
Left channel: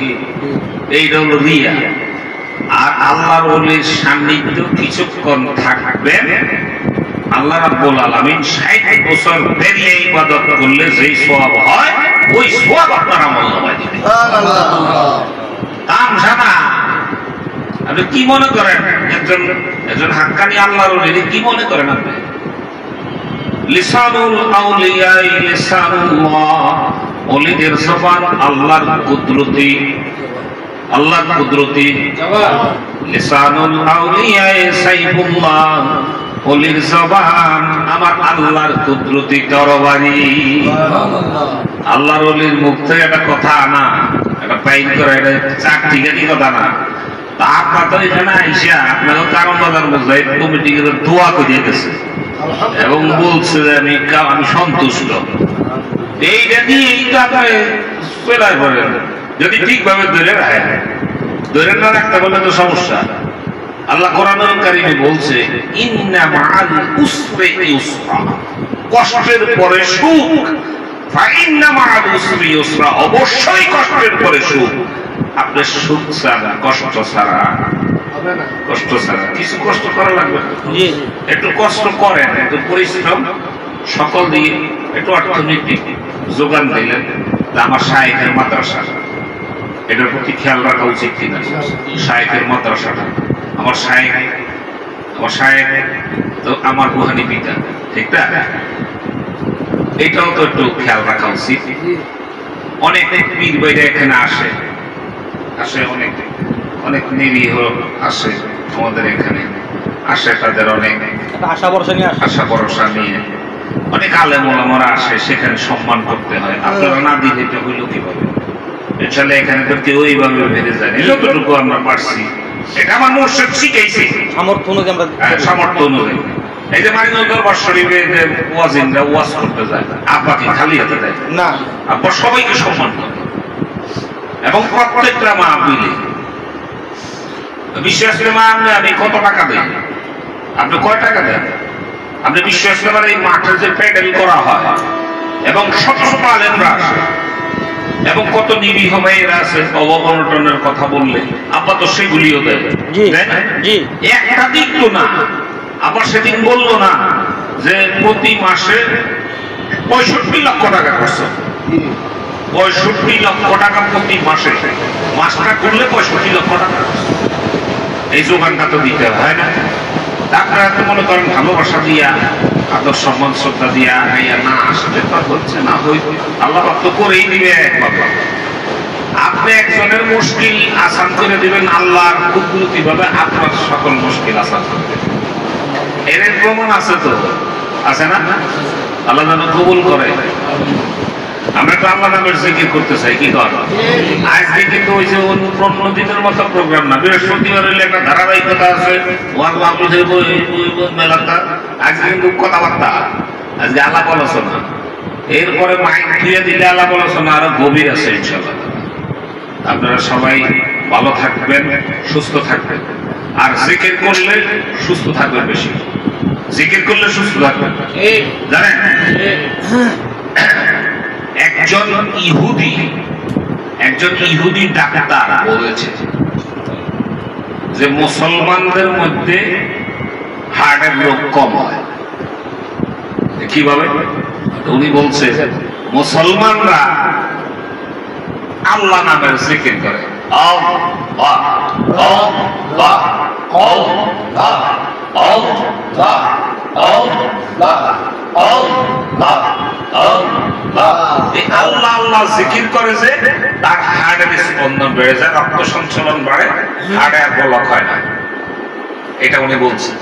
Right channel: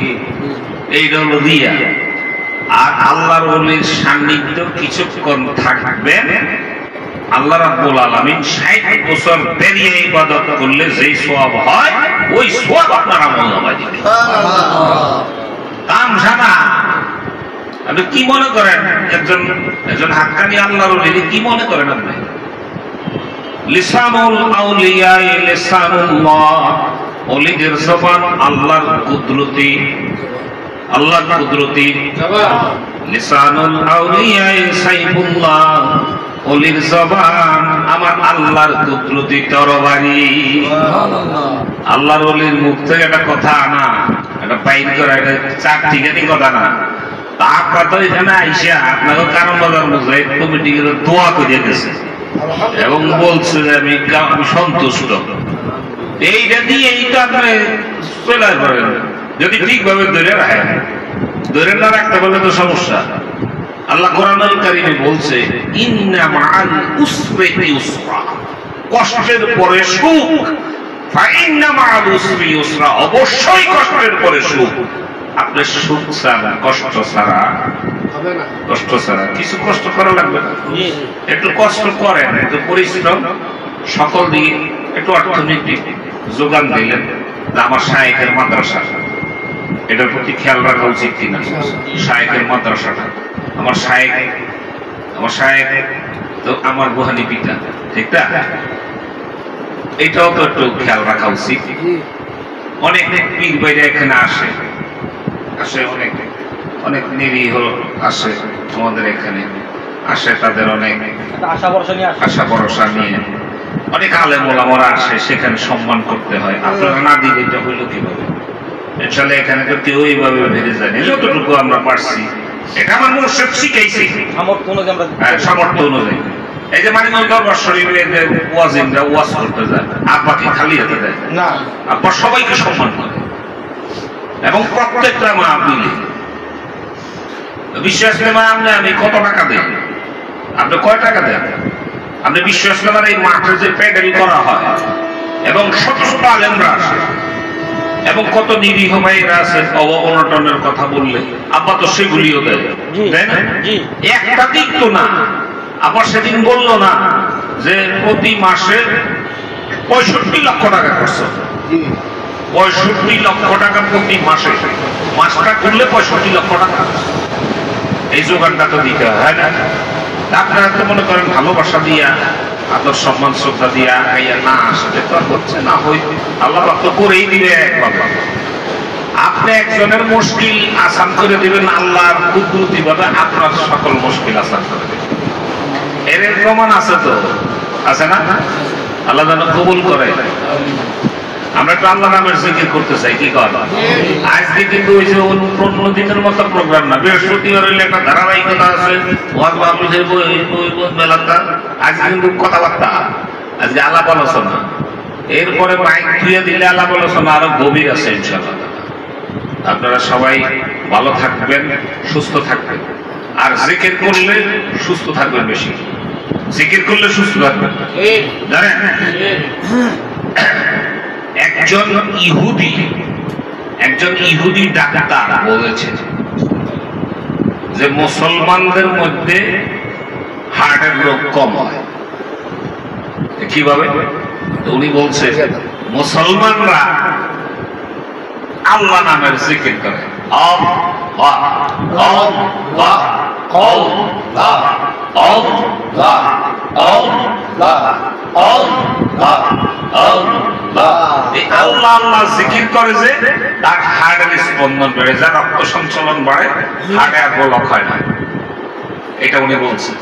এইটা হলো রিয়া। আর আল্লাহর ওলির সান্নিধ্য কিছুক্ষণ থাকবেন, আল্লাহ রাব্বুল আলামিন 60 বছর বেরিয়ে ইবাদত করলে যেই সওয়াব হয়, ওই সওয়াব আপনার আমলনামায় দিবে। সুবহানাল্লাহ। তামসানা আপনি কি মনে করেন? একজন হাক্কানি আল্লাহর ওলি কি মনে করেন আপনি? লিসানুল আউলিয়া লিসানুল্লাহ, ওলিদের জবান আল্লাহর কুদরতি, আল্লাহর কুদরতি। লিসানুল আউলিয়া সাইফুল্লাহ, ওলির জবান আমার আল্লাহর কুদরতি তরবারি। সুবহানাল্লাহ। আল্লাহর ওলির মুখ থেকে একটা কথা আনা, একটা পাইন করা, এটা চারটিখানি কথা না। আপনার তো এখানে আইসা আপনাকে কারণ বাজার বোঝাই কমিটি দোয়া করে গেছে এবং বলছে যে আমি সন্তুষ্ট। এইটা দিয়ে এইটা আপনি চলে করেন, যদি ঠিকভাবে ধরে রাখেন, ধরে না রাখতে পারলে তো সমস্যা। আল্লাহ কোরআনুল কারীমে বলছে, ইন্না মাআল উসরি ইউসরা, কষ্টের পরে সুখ। ফাইন্না মাআল উসরি ইউসরা, অবশ্যই কষ্টের পরে সুখ। আপনি সুখ ছাড়া, কষ্ট ছাড়া, কষ্ট ছাড়া কিছু কষ্ট করা লাগবে। একটু কষ্ট করেন, একটু পরিশ্রম, সকল দিকে একটু অর্থনৈতিক যোগান দিলেন। আমার শায়েখের মাদ্রাসা, এটার প্রতি খেয়াল রাখা উচিত কিনা? শায়েখের মাদ্রাসাটা, আমার শায়েখ তো আমার রুহানি পিতা, ঠিক না? এটাও তো একটু খেয়াল রাখা উচিত। অনেক পীর বাইরে এখানে আসে, অনেক অনেক নিরীহ আসে আমাদের এখানে, আসে তাদের অনেক আশা ভরসা নিয়ে, অনেক আলেম ওলামারা আসে, সেখানে সম্মান করতে হয়। আপনারা না দিলে এটা হইল কিভাবে? আসলে এখানে তো কেউ এইভাবে বেড়ে যায় না, যতটুকু আমরা পারছি, এটা আমার মুর্শিদ শিখাইছে সামর্থ্য অনুযায়ী। এই যে মানিকগঞ্জ দরবার শরীফে যে ওয়াজিনরা ওয়াজ করতে যায়, আব্বাকে খালি হাতে দেয় না, আব্বা সবাইকে সম্মান করে এবং প্রত্যেকটা মা মিলে বিশ্ব ইজতেমা আমি কত টাকা দেই, আপনি কয় টাকা দেন? আপনি বিশ্ব ইজতেমার এই মাঠে যে প্যান্ডেল করা হয় এবং শত শত আলেমরা আসে এবং কত নিরীহ ভাইয়েরা আছে, অবনটনের কথা বললে আব্বা তো সেগুলিও দেয়, তাই না? একটা দিক তো না। আবার সেদিন বললো না যে প্রতি মাসে 65 লক্ষ টাকা খরচ, 65 লক্ষ টাকা প্রতি মাসে, মাসটা করলে 65 লক্ষ টাকা। এই যোগানটা তো দিতে হয় না? আপনারা তো মনে করেন ভালোবাসা দিয়া, আদর সম্মান শ্রদ্ধা দিয়া না আসলে তো আর হচ্ছে না। আল্লাহ তো করেই দিবে একভাবে। আপনি একজনের মুশকিল আসান করে দিবেন, আল্লাহর কুদরতি ভাবে আপনার সকল মুশকিল আসান করে দেবেন। এর প্রমাণ আছে তো, আছে না? আল্লাহ যেন কবুল করে। আমরা তো আল্লাহ নামের জিকির করতে চাই, কি কর? আজকে কিন্তু ওই যে অন্য দিনের মতো প্রোগ্রাম না, বৃহস্পতিবার হইলে একটা ধারাবাহিকতা আছে, মেলাটা। আজকে কিন্তু কথাবার্তা, আজকে আলাপ আলোচনা, এরপরে মাইক ধুয়ে দিলে আলাপ আলোচনা আরো গভীর আছে ইনশাআল্লাহ। আপনারা সবাই ভালো থাকবেন, সুস্থ থাকবেন, আর জিকির করলে সুস্থ থাকবেন। বেশি জিকির করলে সুস্থ থাকবেন, জানেন? একজন ইহুদি ডাক্তার বলেছে যে মুসলমানদের মধ্যে হার্টের রোগ কম হয়। কিভাবে? উনি বলছে মুসলমানরা আল্লাহ নামের জিকির করে, আল্লাহ আল্লাহ আল্লাহ আল্লাহ আল্লাহ আল্লাহ আল্লাহ আল্লাহ জিকির করে, যে তার হার্টের স্পন্দন বেড়ে যায়, রক্ত সঞ্চালন বাড়ে, হার্টে আর ব্লক হয় না। এটা উনি বলছেন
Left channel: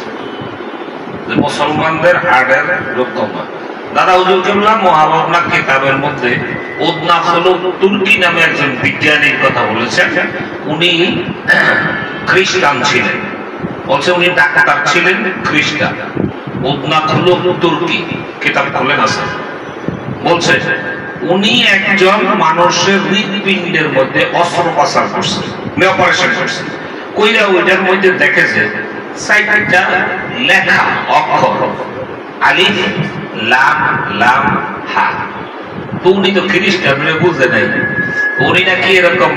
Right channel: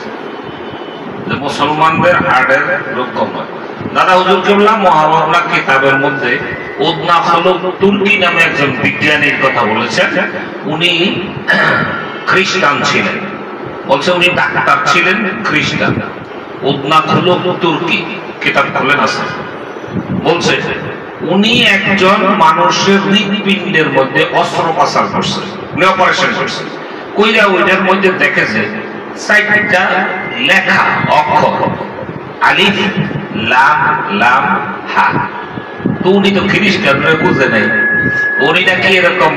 যে মুসলমানদের হার্টের রোগ কম হয়। দাদা হুজুর কিবলা মুহাওয়ারা কিতাবের মধ্যে উদনা খলুক তুর্কি নামে একজন বিজ্ঞানীর কথা বলেছেন। উনি খ্রিস্টান ছিলেন, বলছে উনি ডাক্তার ছিলেন, খ্রিস্টান। উদনা খলুক তুর্কি কিতাব খুলেন আছে, বলছে উনি একজন মানুষের হৃদপিণ্ডের মধ্যে অস্ত্রোপচার করছে, অপারেশন করছে। কইরা ওইটার মধ্যে দেখে যে 4টা লেখা অক্ষর, আলিফ লাম লাম হা। তো উনি তো খ্রিস্টানরা বুঝে নাই, উনি নাকি এরকম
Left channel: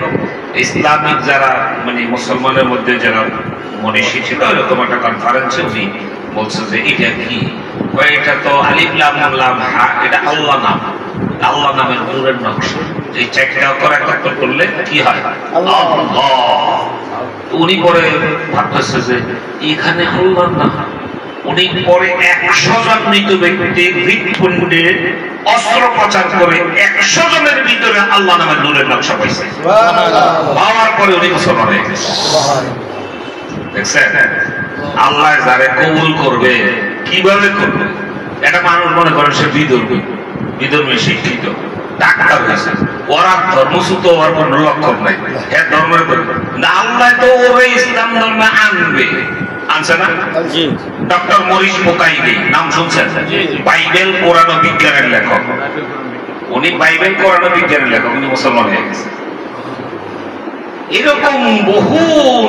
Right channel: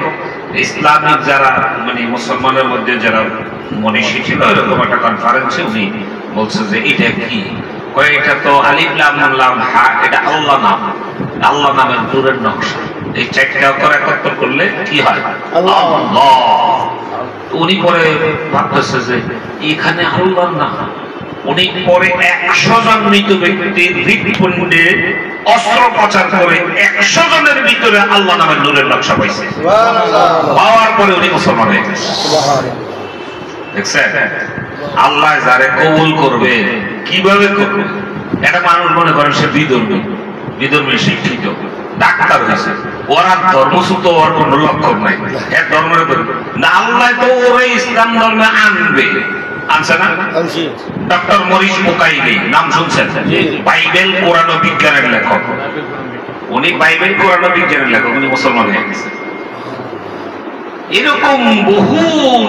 ইসলামিক যারা মানে মুসলমানের মধ্যে যারা মনীষী ছিল, এরকম একটা কনফারেন্সে উনি বলছে যে এটা কি? এটা তো আলিফ লাম লাম হা, এটা আল্লাহ নাম, আল্লাহ নামের নূরের নকশা। এই 4টা অক্ষর একত্র করলে কি হয়? আল্লাহ। উনি পরে ভাবতেছে যে এখানে আল্লাহর নাম। উনি পরে 100 জন মৃত ব্যক্তির হৃদপিণ্ডে অস্ত্রোপচার করে 100 জনের ভিতরে আল্লাহ নামের নূরের নকশা পাইছে। পাওয়ার পরে উনি মুসলমান হয়ে গেছে। দেখছেন? আল্লাহ যারে কবুল করবে কিভাবে করবে? একটা মানুষ মনে করেন সে বিধর্মী শিক্ষিত ডাক্তার হয়েছে, ওর আর ধর্মচ্যুত হওয়ার কোন লক্ষণ নাই, হ্যাঁ ধর্মের না। আল্লাহ তো ওরে ইসলাম ধর্মে আনবে, আনছে না? ডক্টর মরিস মুকাইলি নাম শুনছেন? বাইবেল কোরআন ও বিজ্ঞানের লেখক। উনি বাইবেল কোরআন ও বিজ্ঞানের লেখক, উনি মুসলমান হয়ে গেছে। এরকম বহু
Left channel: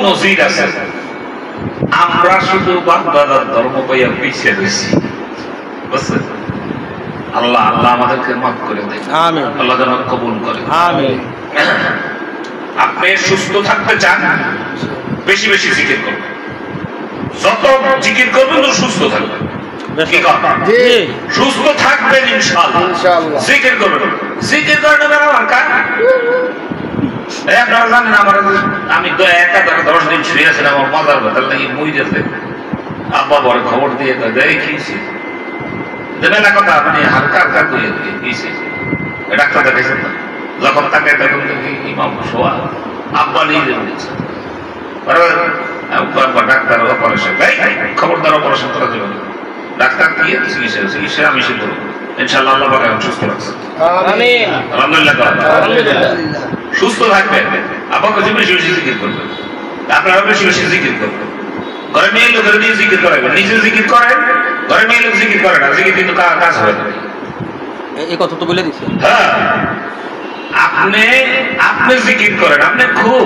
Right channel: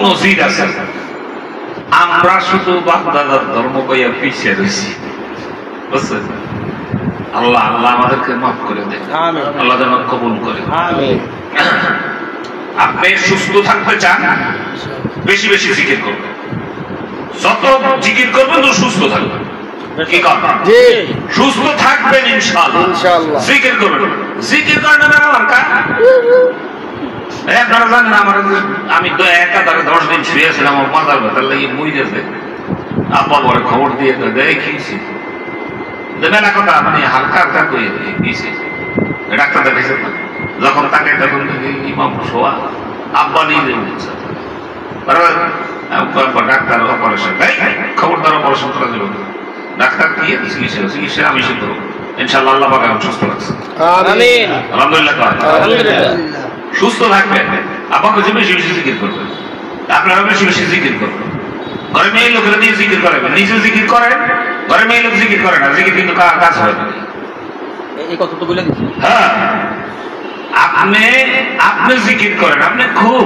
নজির আছে। আমরা শুধু বাপ দাদার ধর্ম পাইয়া পিছিয়ে রয়েছি, বুঝছেন? আল্লাহ আল্লাহ আমাদেরকে মাফ করে দেন, আল্লাহ যেন কবুল করে। আপনি সুস্থ থাকতে চান, বেশি বেশি জিকির করবেন। যত জিকির করবেন তো সুস্থ থাকবেন। কি কথা? সুস্থ থাকবেন ইনশাআল্লাহ। জিকির করবেন, জিকির করার ব্যবহার কার? আপনারা জানেন আমি তো একাধারে 10 দিন শুয়েছিলাম, আমার মাথার ব্যথার লাগি মই গেছে। আব্বা পরে খবর দিয়ে দেখিয়েছি, মেলা কথা মানে হালকা হালকা করে দিয়েছি। ডাক্তার দেখেছেন না, যখন তাকে তখন ইমাম শোয়া, আব্বা নিজে দিয়েছে ডাক্তার অপারেশন, খবরদার অপারেশন করা যাবে না। ডাক্তার কি চিকিৎসা আমি শুধু ইনশাআল্লাহ আল্লাহ পাক সুস্থ রাখছে। আলহামদুলিল্লাহ, সুস্থ থাকবে। আপনাকে বেশি বেশি জিকির করবেন, আপনারা বেশি বেশি জিকির করবেন। ঘরে মেয়ে লোকের দিয়ে জিকির করাবেন, নিজে জিকির করেন, ঘরে মেয়ে লোক জিকির করে না, জিকির কিন্তু কাজ হয় না। এই কথা তো বলে দিচ্ছি। হ্যাঁ, আপনি জিকির করেন, আপনি খুব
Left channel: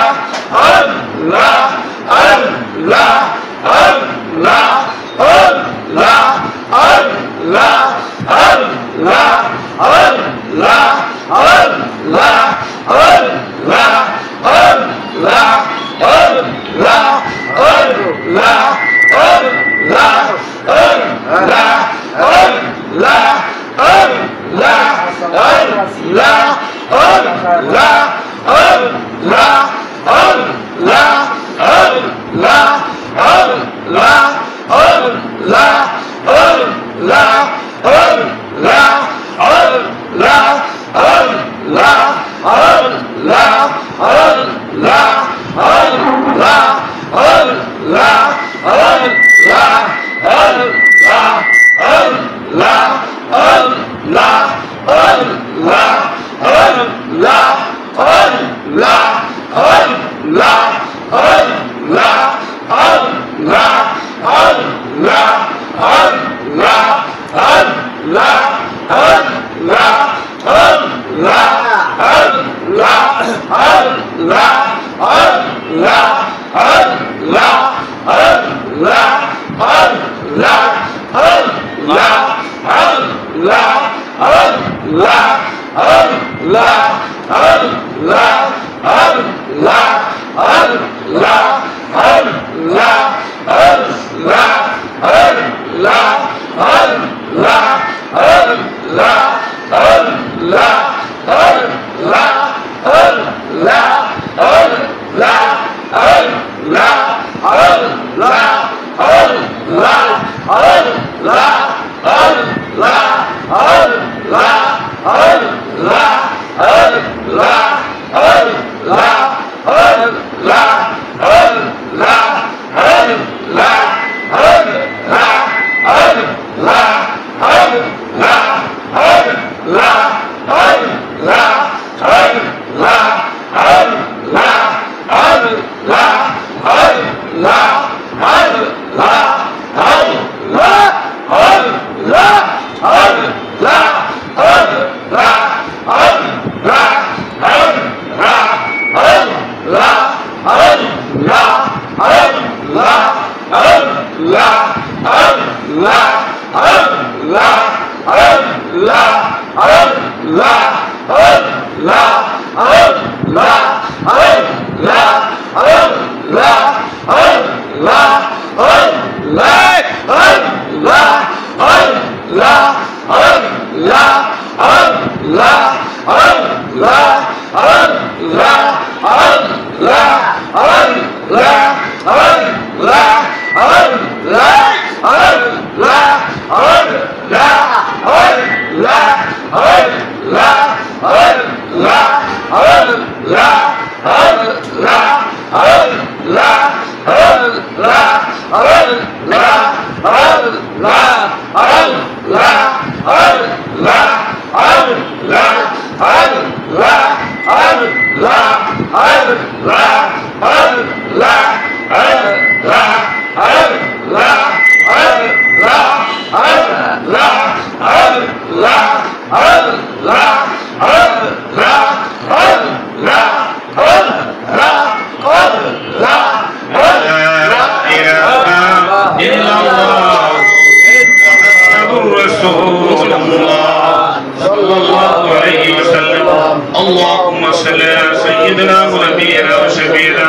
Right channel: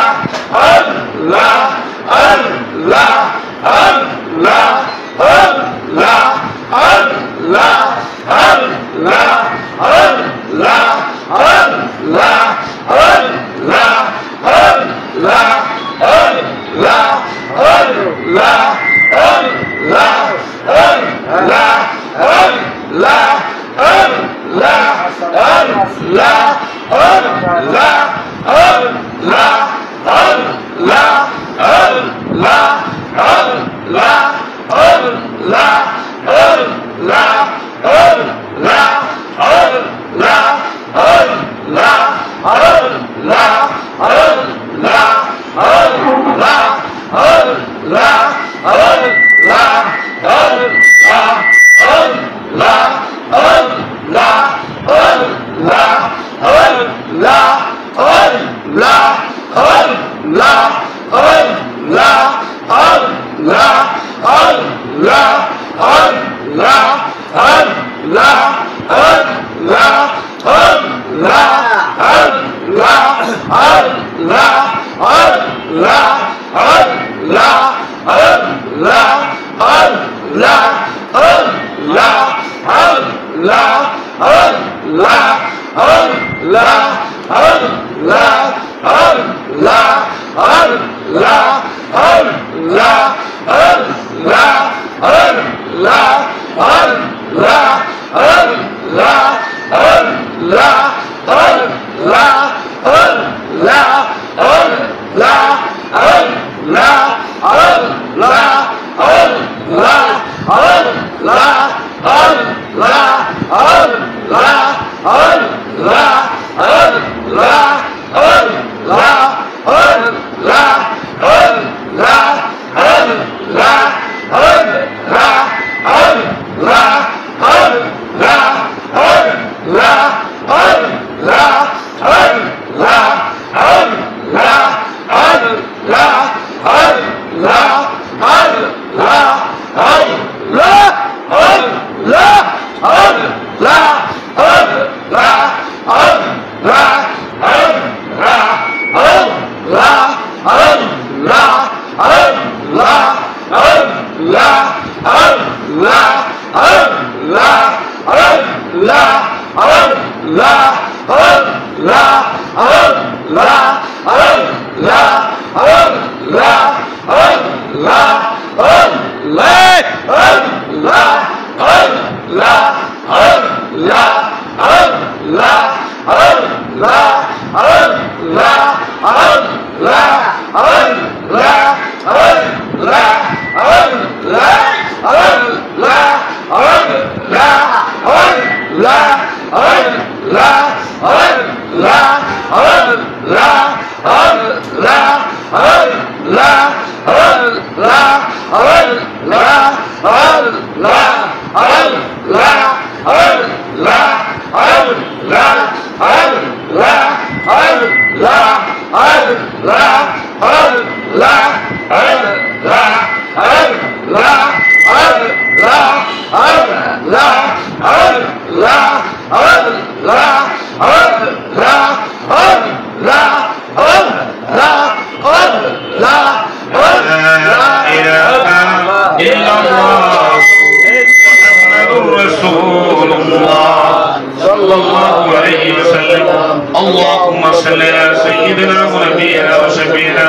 اللهم صل على سيدنا ونبينا وشفينا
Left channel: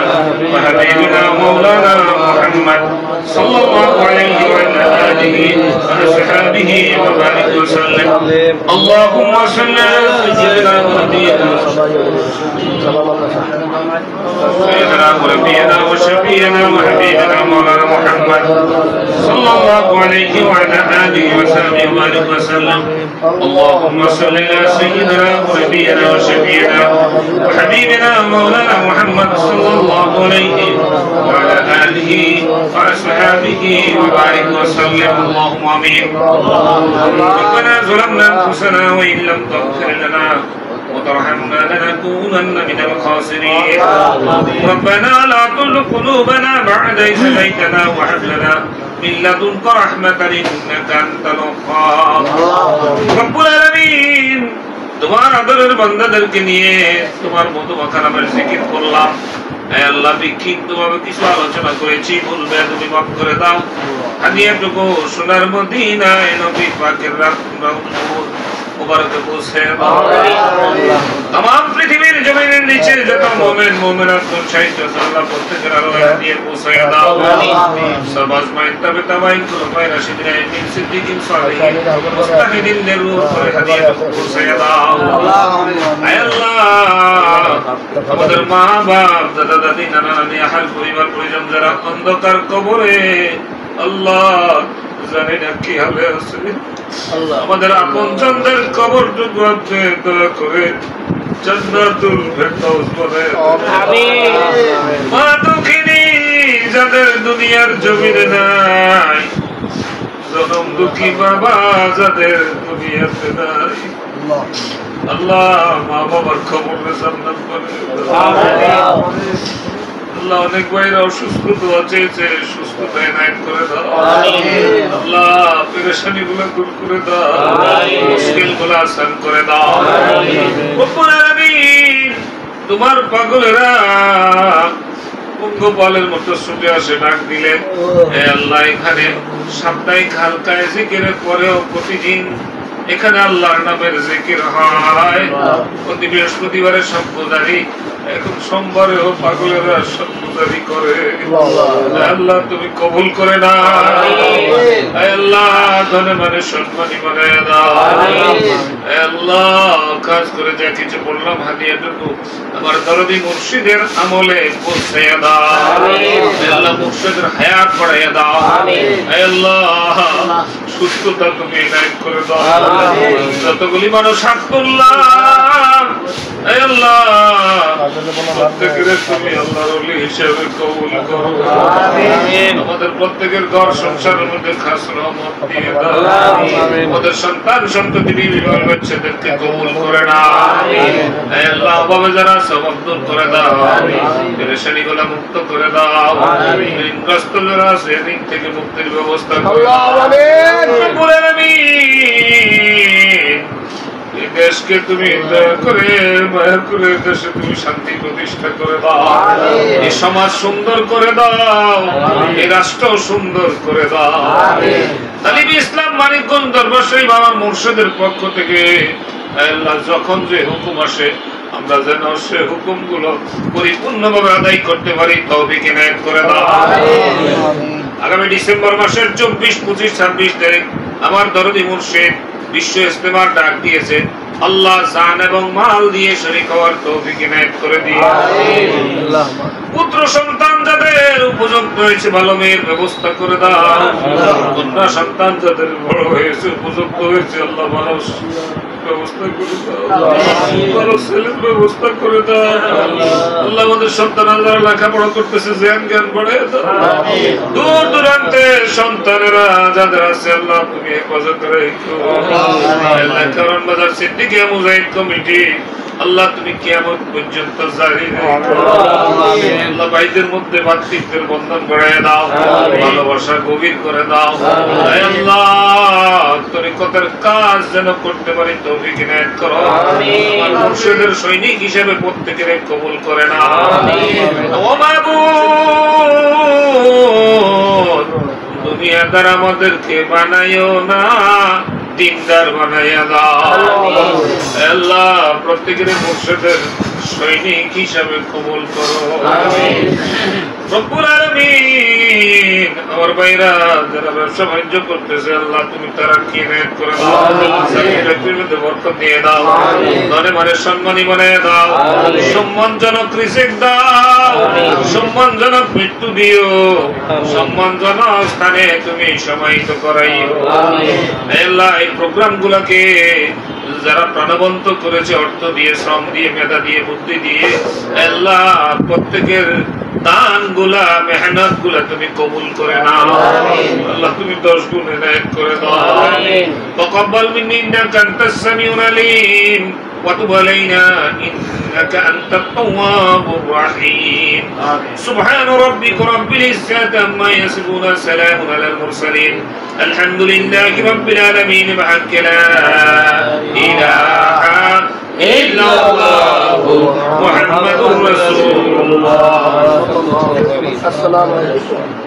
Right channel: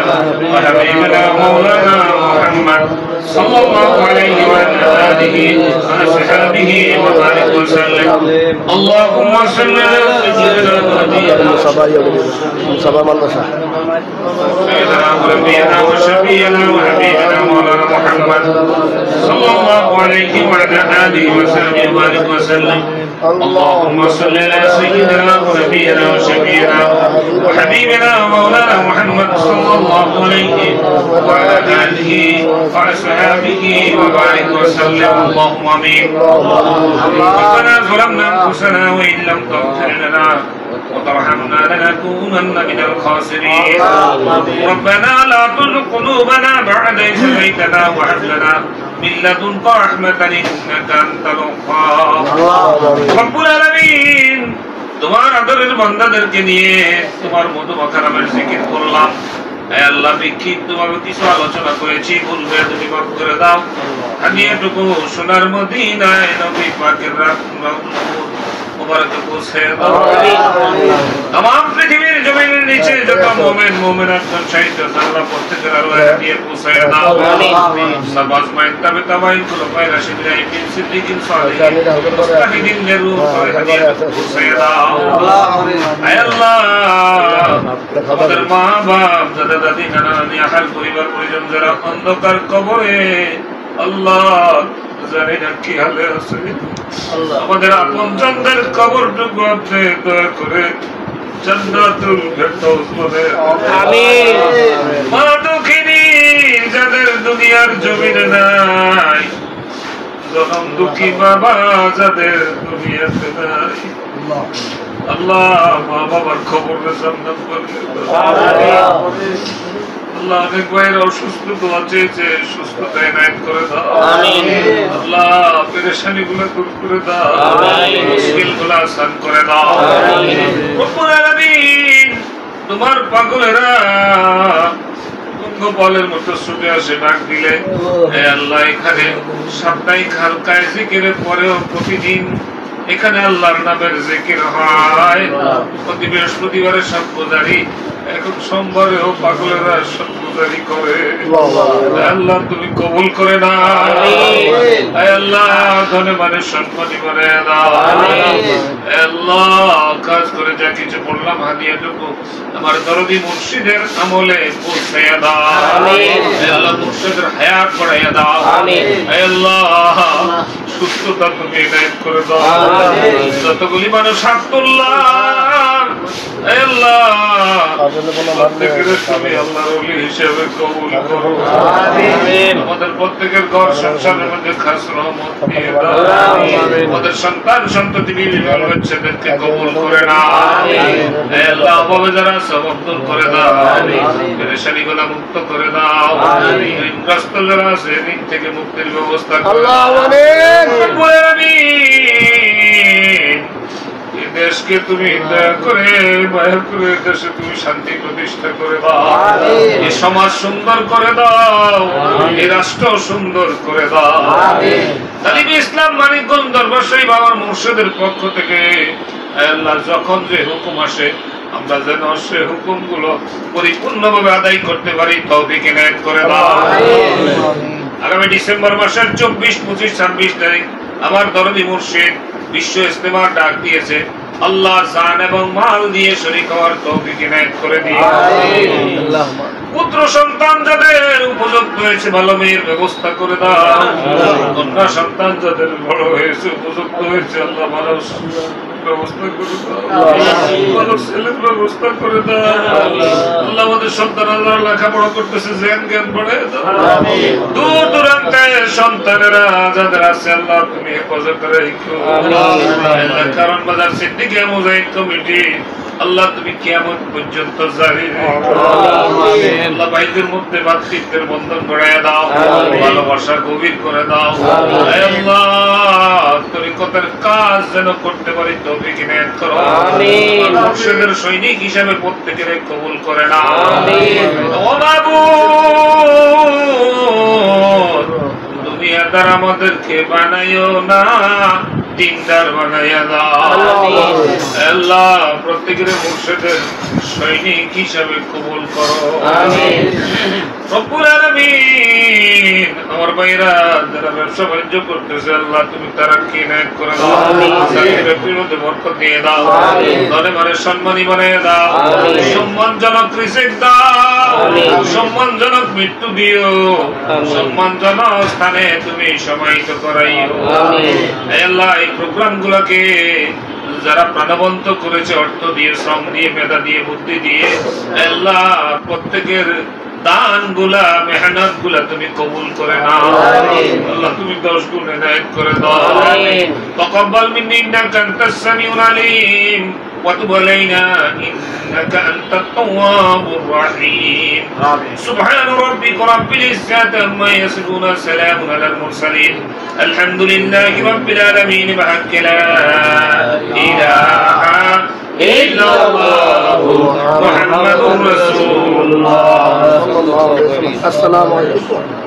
وحبيبنا مولانا محمد صلى الله عليه وعلى آله وأصحابه وبارك وسلم. اللهم صل على سيدنا ونبينا وشفينا وحبيبنا مولانا محمد صلى الله عليه وعلى آله وصحبه وبارك وسلم. اللهم صل على سيدنا ونبينا وشفيعنا وحبيبنا مولانا محمد صلى الله عليه وعلى آله وأصحابه وبارك وسلم. اللهم آمين. ربنا ظلمنا أنفسنا وإن لم تغفر لنا وترحمنا لنكونن من الخاسرين. ربنا لا تزغ قلوبنا بعد إذ هديتنا وهب لنا من لدنك رحمة إنك أنت الوهاب. রব্বুল আলামিন, তোমার আদরের বান্দাদেরকে নিয়ে তোমার মতো কালামের জিকির করলাম। হে আল্লাহ, বিক্ষিপ্তভাবে কিছু আলোচনা করেছি, ভুলবে তুমি মাফ করে দাও। আমি এটুকু সোনার মদিনায় নবী পাকের রাউজাতুল মুবারকে পৌঁছে দাও। तमाम পৃথিবীর জমিনের নিচে যত মুমিন মুমিনাত শাহিদ আল্লাহ প্রত্যেকের আল্লাহ দিয়ে পৌঁছায়া দাও সবাজ মাইন তবে তাবাইন খুলফায়ে রাশিদিন আমিন সিদ্দিকিন সালিহিন মুস্তাহিদিন নেরু করে হাদিয়া পৌঁছায়া দাও আয় আল্লাহ আমাদের মা বাপ দাদা দাদি নানা নানি আহাল পরিবার পরিজন যারা অন্ধকার কবরে আল্লাহ জানি না কি হালে আছে আমাদের আপনজনদের কবরটুকু আপনি দয়া করে জান্নাতুল ফেরদাউস বানায় আমিন মা দুঃখিনী যাদের দুনিয়ার জমিনে নাই জনম দুঃখী বাবা যাদের দুনিয়াতে নাই আল্লাহ মা বাবার খবরে জান্নাত বানায় আল্লাহ অনেক ভাইরা অসুস্থ দোয়া চেয়েছে সুস্থতা এনায়েত করে দাও আল্লাহ পেরেশানি গুলো দূর করে দাও মুশকিল গুলো আসান করে দাও রব্বুল আলামিন তোমার পাগলেরা পঙ্গপালের মতো ছুটে আসে ডাক দিলেন হে আল্লাহ এখানে সাপ্তাহিক হালকায় জিকিরের পরেও প্রতিদিন এখানে আল্লাহর নামের জিকির হয় প্রতি বৃহস্পতিবারে সপ্তাহী এখন সোমবারেও পাগলেরা সপ্তাহী করে আল্লাহ তুমি কবুল করে না আল্লাহ ধনে মানে সম্মানী মানে দাও আল্লাহ কাজ করে যা কিছু বললাম হাদিয়াটুকু আমার দরদি মুর্শিদের আমলে পৌঁছাইয়া দাও আল্লাহ মুর্শিদের হায়াত বাড়াইয়া দাও আল্লাহ সুস্থতা তুমি এনায়েত করে দাও যতগুলি মানুষ হাত তুললাম আল্লাহ প্রত্যেকের তুমি আল্লাহর ওলি হিসেবে কবুল করো আমাদের প্রত্যেকের ঘর সংসারের মধ্যে খাস রহমত দিয়ে দাও আমাদের সন্তান সন্ততি বিবি বাল বাচ্চাদেরকে কবুল করে নাও আল্লাহ অভাবে যারা সবক দূর করে দাও পেরেশানি গুলা মুক্ত করে দাও ঋণগ্রস্ত যারা আছে ঋণ থেকে মুক্তির ব্যবস্থা করে দাও দেশকে তুমি দয়া করে মায়া করে দেশে তুমি শান্তি প্রতিষ্ঠা করে দাও এই সমাজ সুন্দর করে দাও এই রাষ্ট্র সুন্দর করে দাও তালিবি ইসলাম মানিকগঞ্জ দরবার শরীফ আমার মুর্শিদের পক্ষ থেকে আল্লাহ যখন যে হুকুম আসে আমরা যেন সে হুকুম গুলো পরিপূর্ণভাবে আদায় করতে পারি তৌফিক ইনায়েত করে দাও আগামী ডিসেম্বর মাসের 24, 25, 26 তারিখ আমার দরদি মুর্শিদ বিশ্ব ইজতেমার ডাক দিয়েছে আল্লাহ জান এবং মাল দিয়ে শরীক হওয়ার তৌফিক ইনায়েত করে দিও পুত্র সন্তান যাদের উপযুক্ত হয়েছে ভালো মেয়ের ব্যবস্থা করে দাও কন্যা সন্তান যাদের বড় হয়েছে উপযুক্ত হয়েছে আল্লাহ ভালো ব্যবস্থা করে দাও ভালো ছেলের ব্যবস্থা করে দাও আল্লাহ আমাদের সন্তানরা লেখাপড়া করতেছে জ্ঞান বাড়ায় দাও দূর দূরান্তে সন্তানেরা যাদের আছে আল্লাহ তুমি হেফাজত রেখো আল্লাহ কারণ বাজার সিদ্দিকী মুজাহিদ কমিটি আল্লাহ তুমি কিয়ামত পর্যন্ত জারি রেখো আল্লাহ ভাইদের মধ্যে ভাতৃত্বের বন্ধন গড়াইয়া দাও ভালোবাসা গভীর করে দাও আল্লাহ তরিকতের কাজ যেন করতে পারি তৌফিক ইনায়েত করো মুর্শিদের সৈনিক হিসেবে প্রত্যেকের কবুল করে নাও ও মাবুদ দুনিয়াদার আমাদেরকে বানাইও না দিনদার বানাইয়া দাও আল্লাহ প্রত্যেকের মুর্শিদের সৈনিক হিসাবে কবুল করো রব্বুল আলামিন আমার ভাইরা যারা ব্যবসা বাণিজ্য করতেছে আল্লাহ তুমি তারাক্কি ইনায়েত করে দাও চাকরির মধ্যে বরকত দিয়ে দাও ধনে মানে সম্মানী বানিয়ে দাও সম্মানজনক রিজিক দাও সম্মানজনক মৃত্যু দিও সম্মানজনক স্থানে তুমি সমাহিত করাইও আল্লাহ এই প্রোগ্রাম গুলাকে যারা প্রাণবন্ত করেছে অর্থ দিয়ে শ্রম দিয়ে মেধা দিয়ে বুদ্ধি দিয়ে আল্লাহ প্রত্যেকের দান গুলা মেহনত গুলা তুমি কবুল করে নাও আল্লাহ তুমি 10 গুণ ইনায়েত করে দাও তাকাব্বাল মিন্নি ইন্নাকা আনতাস সামিউল আলিম ওয়া তুব আলাইনা ইন্নাকা আনতাত তাওয়াবুর রহিম সুবহান রাব্বিকা রাব্বিল ইজ্জাতি আম্মা ইয়াসিফুন সালামুন আলাল মুরসালিন আলহামদুলিল্লাহি রাব্বিল আলামিন বিহাক্কি লা ইলাহা ইল্লাল্লাহু মুহাম্মাদুর রাসূলুল্লাহ। আসসালামু আলাইকুম।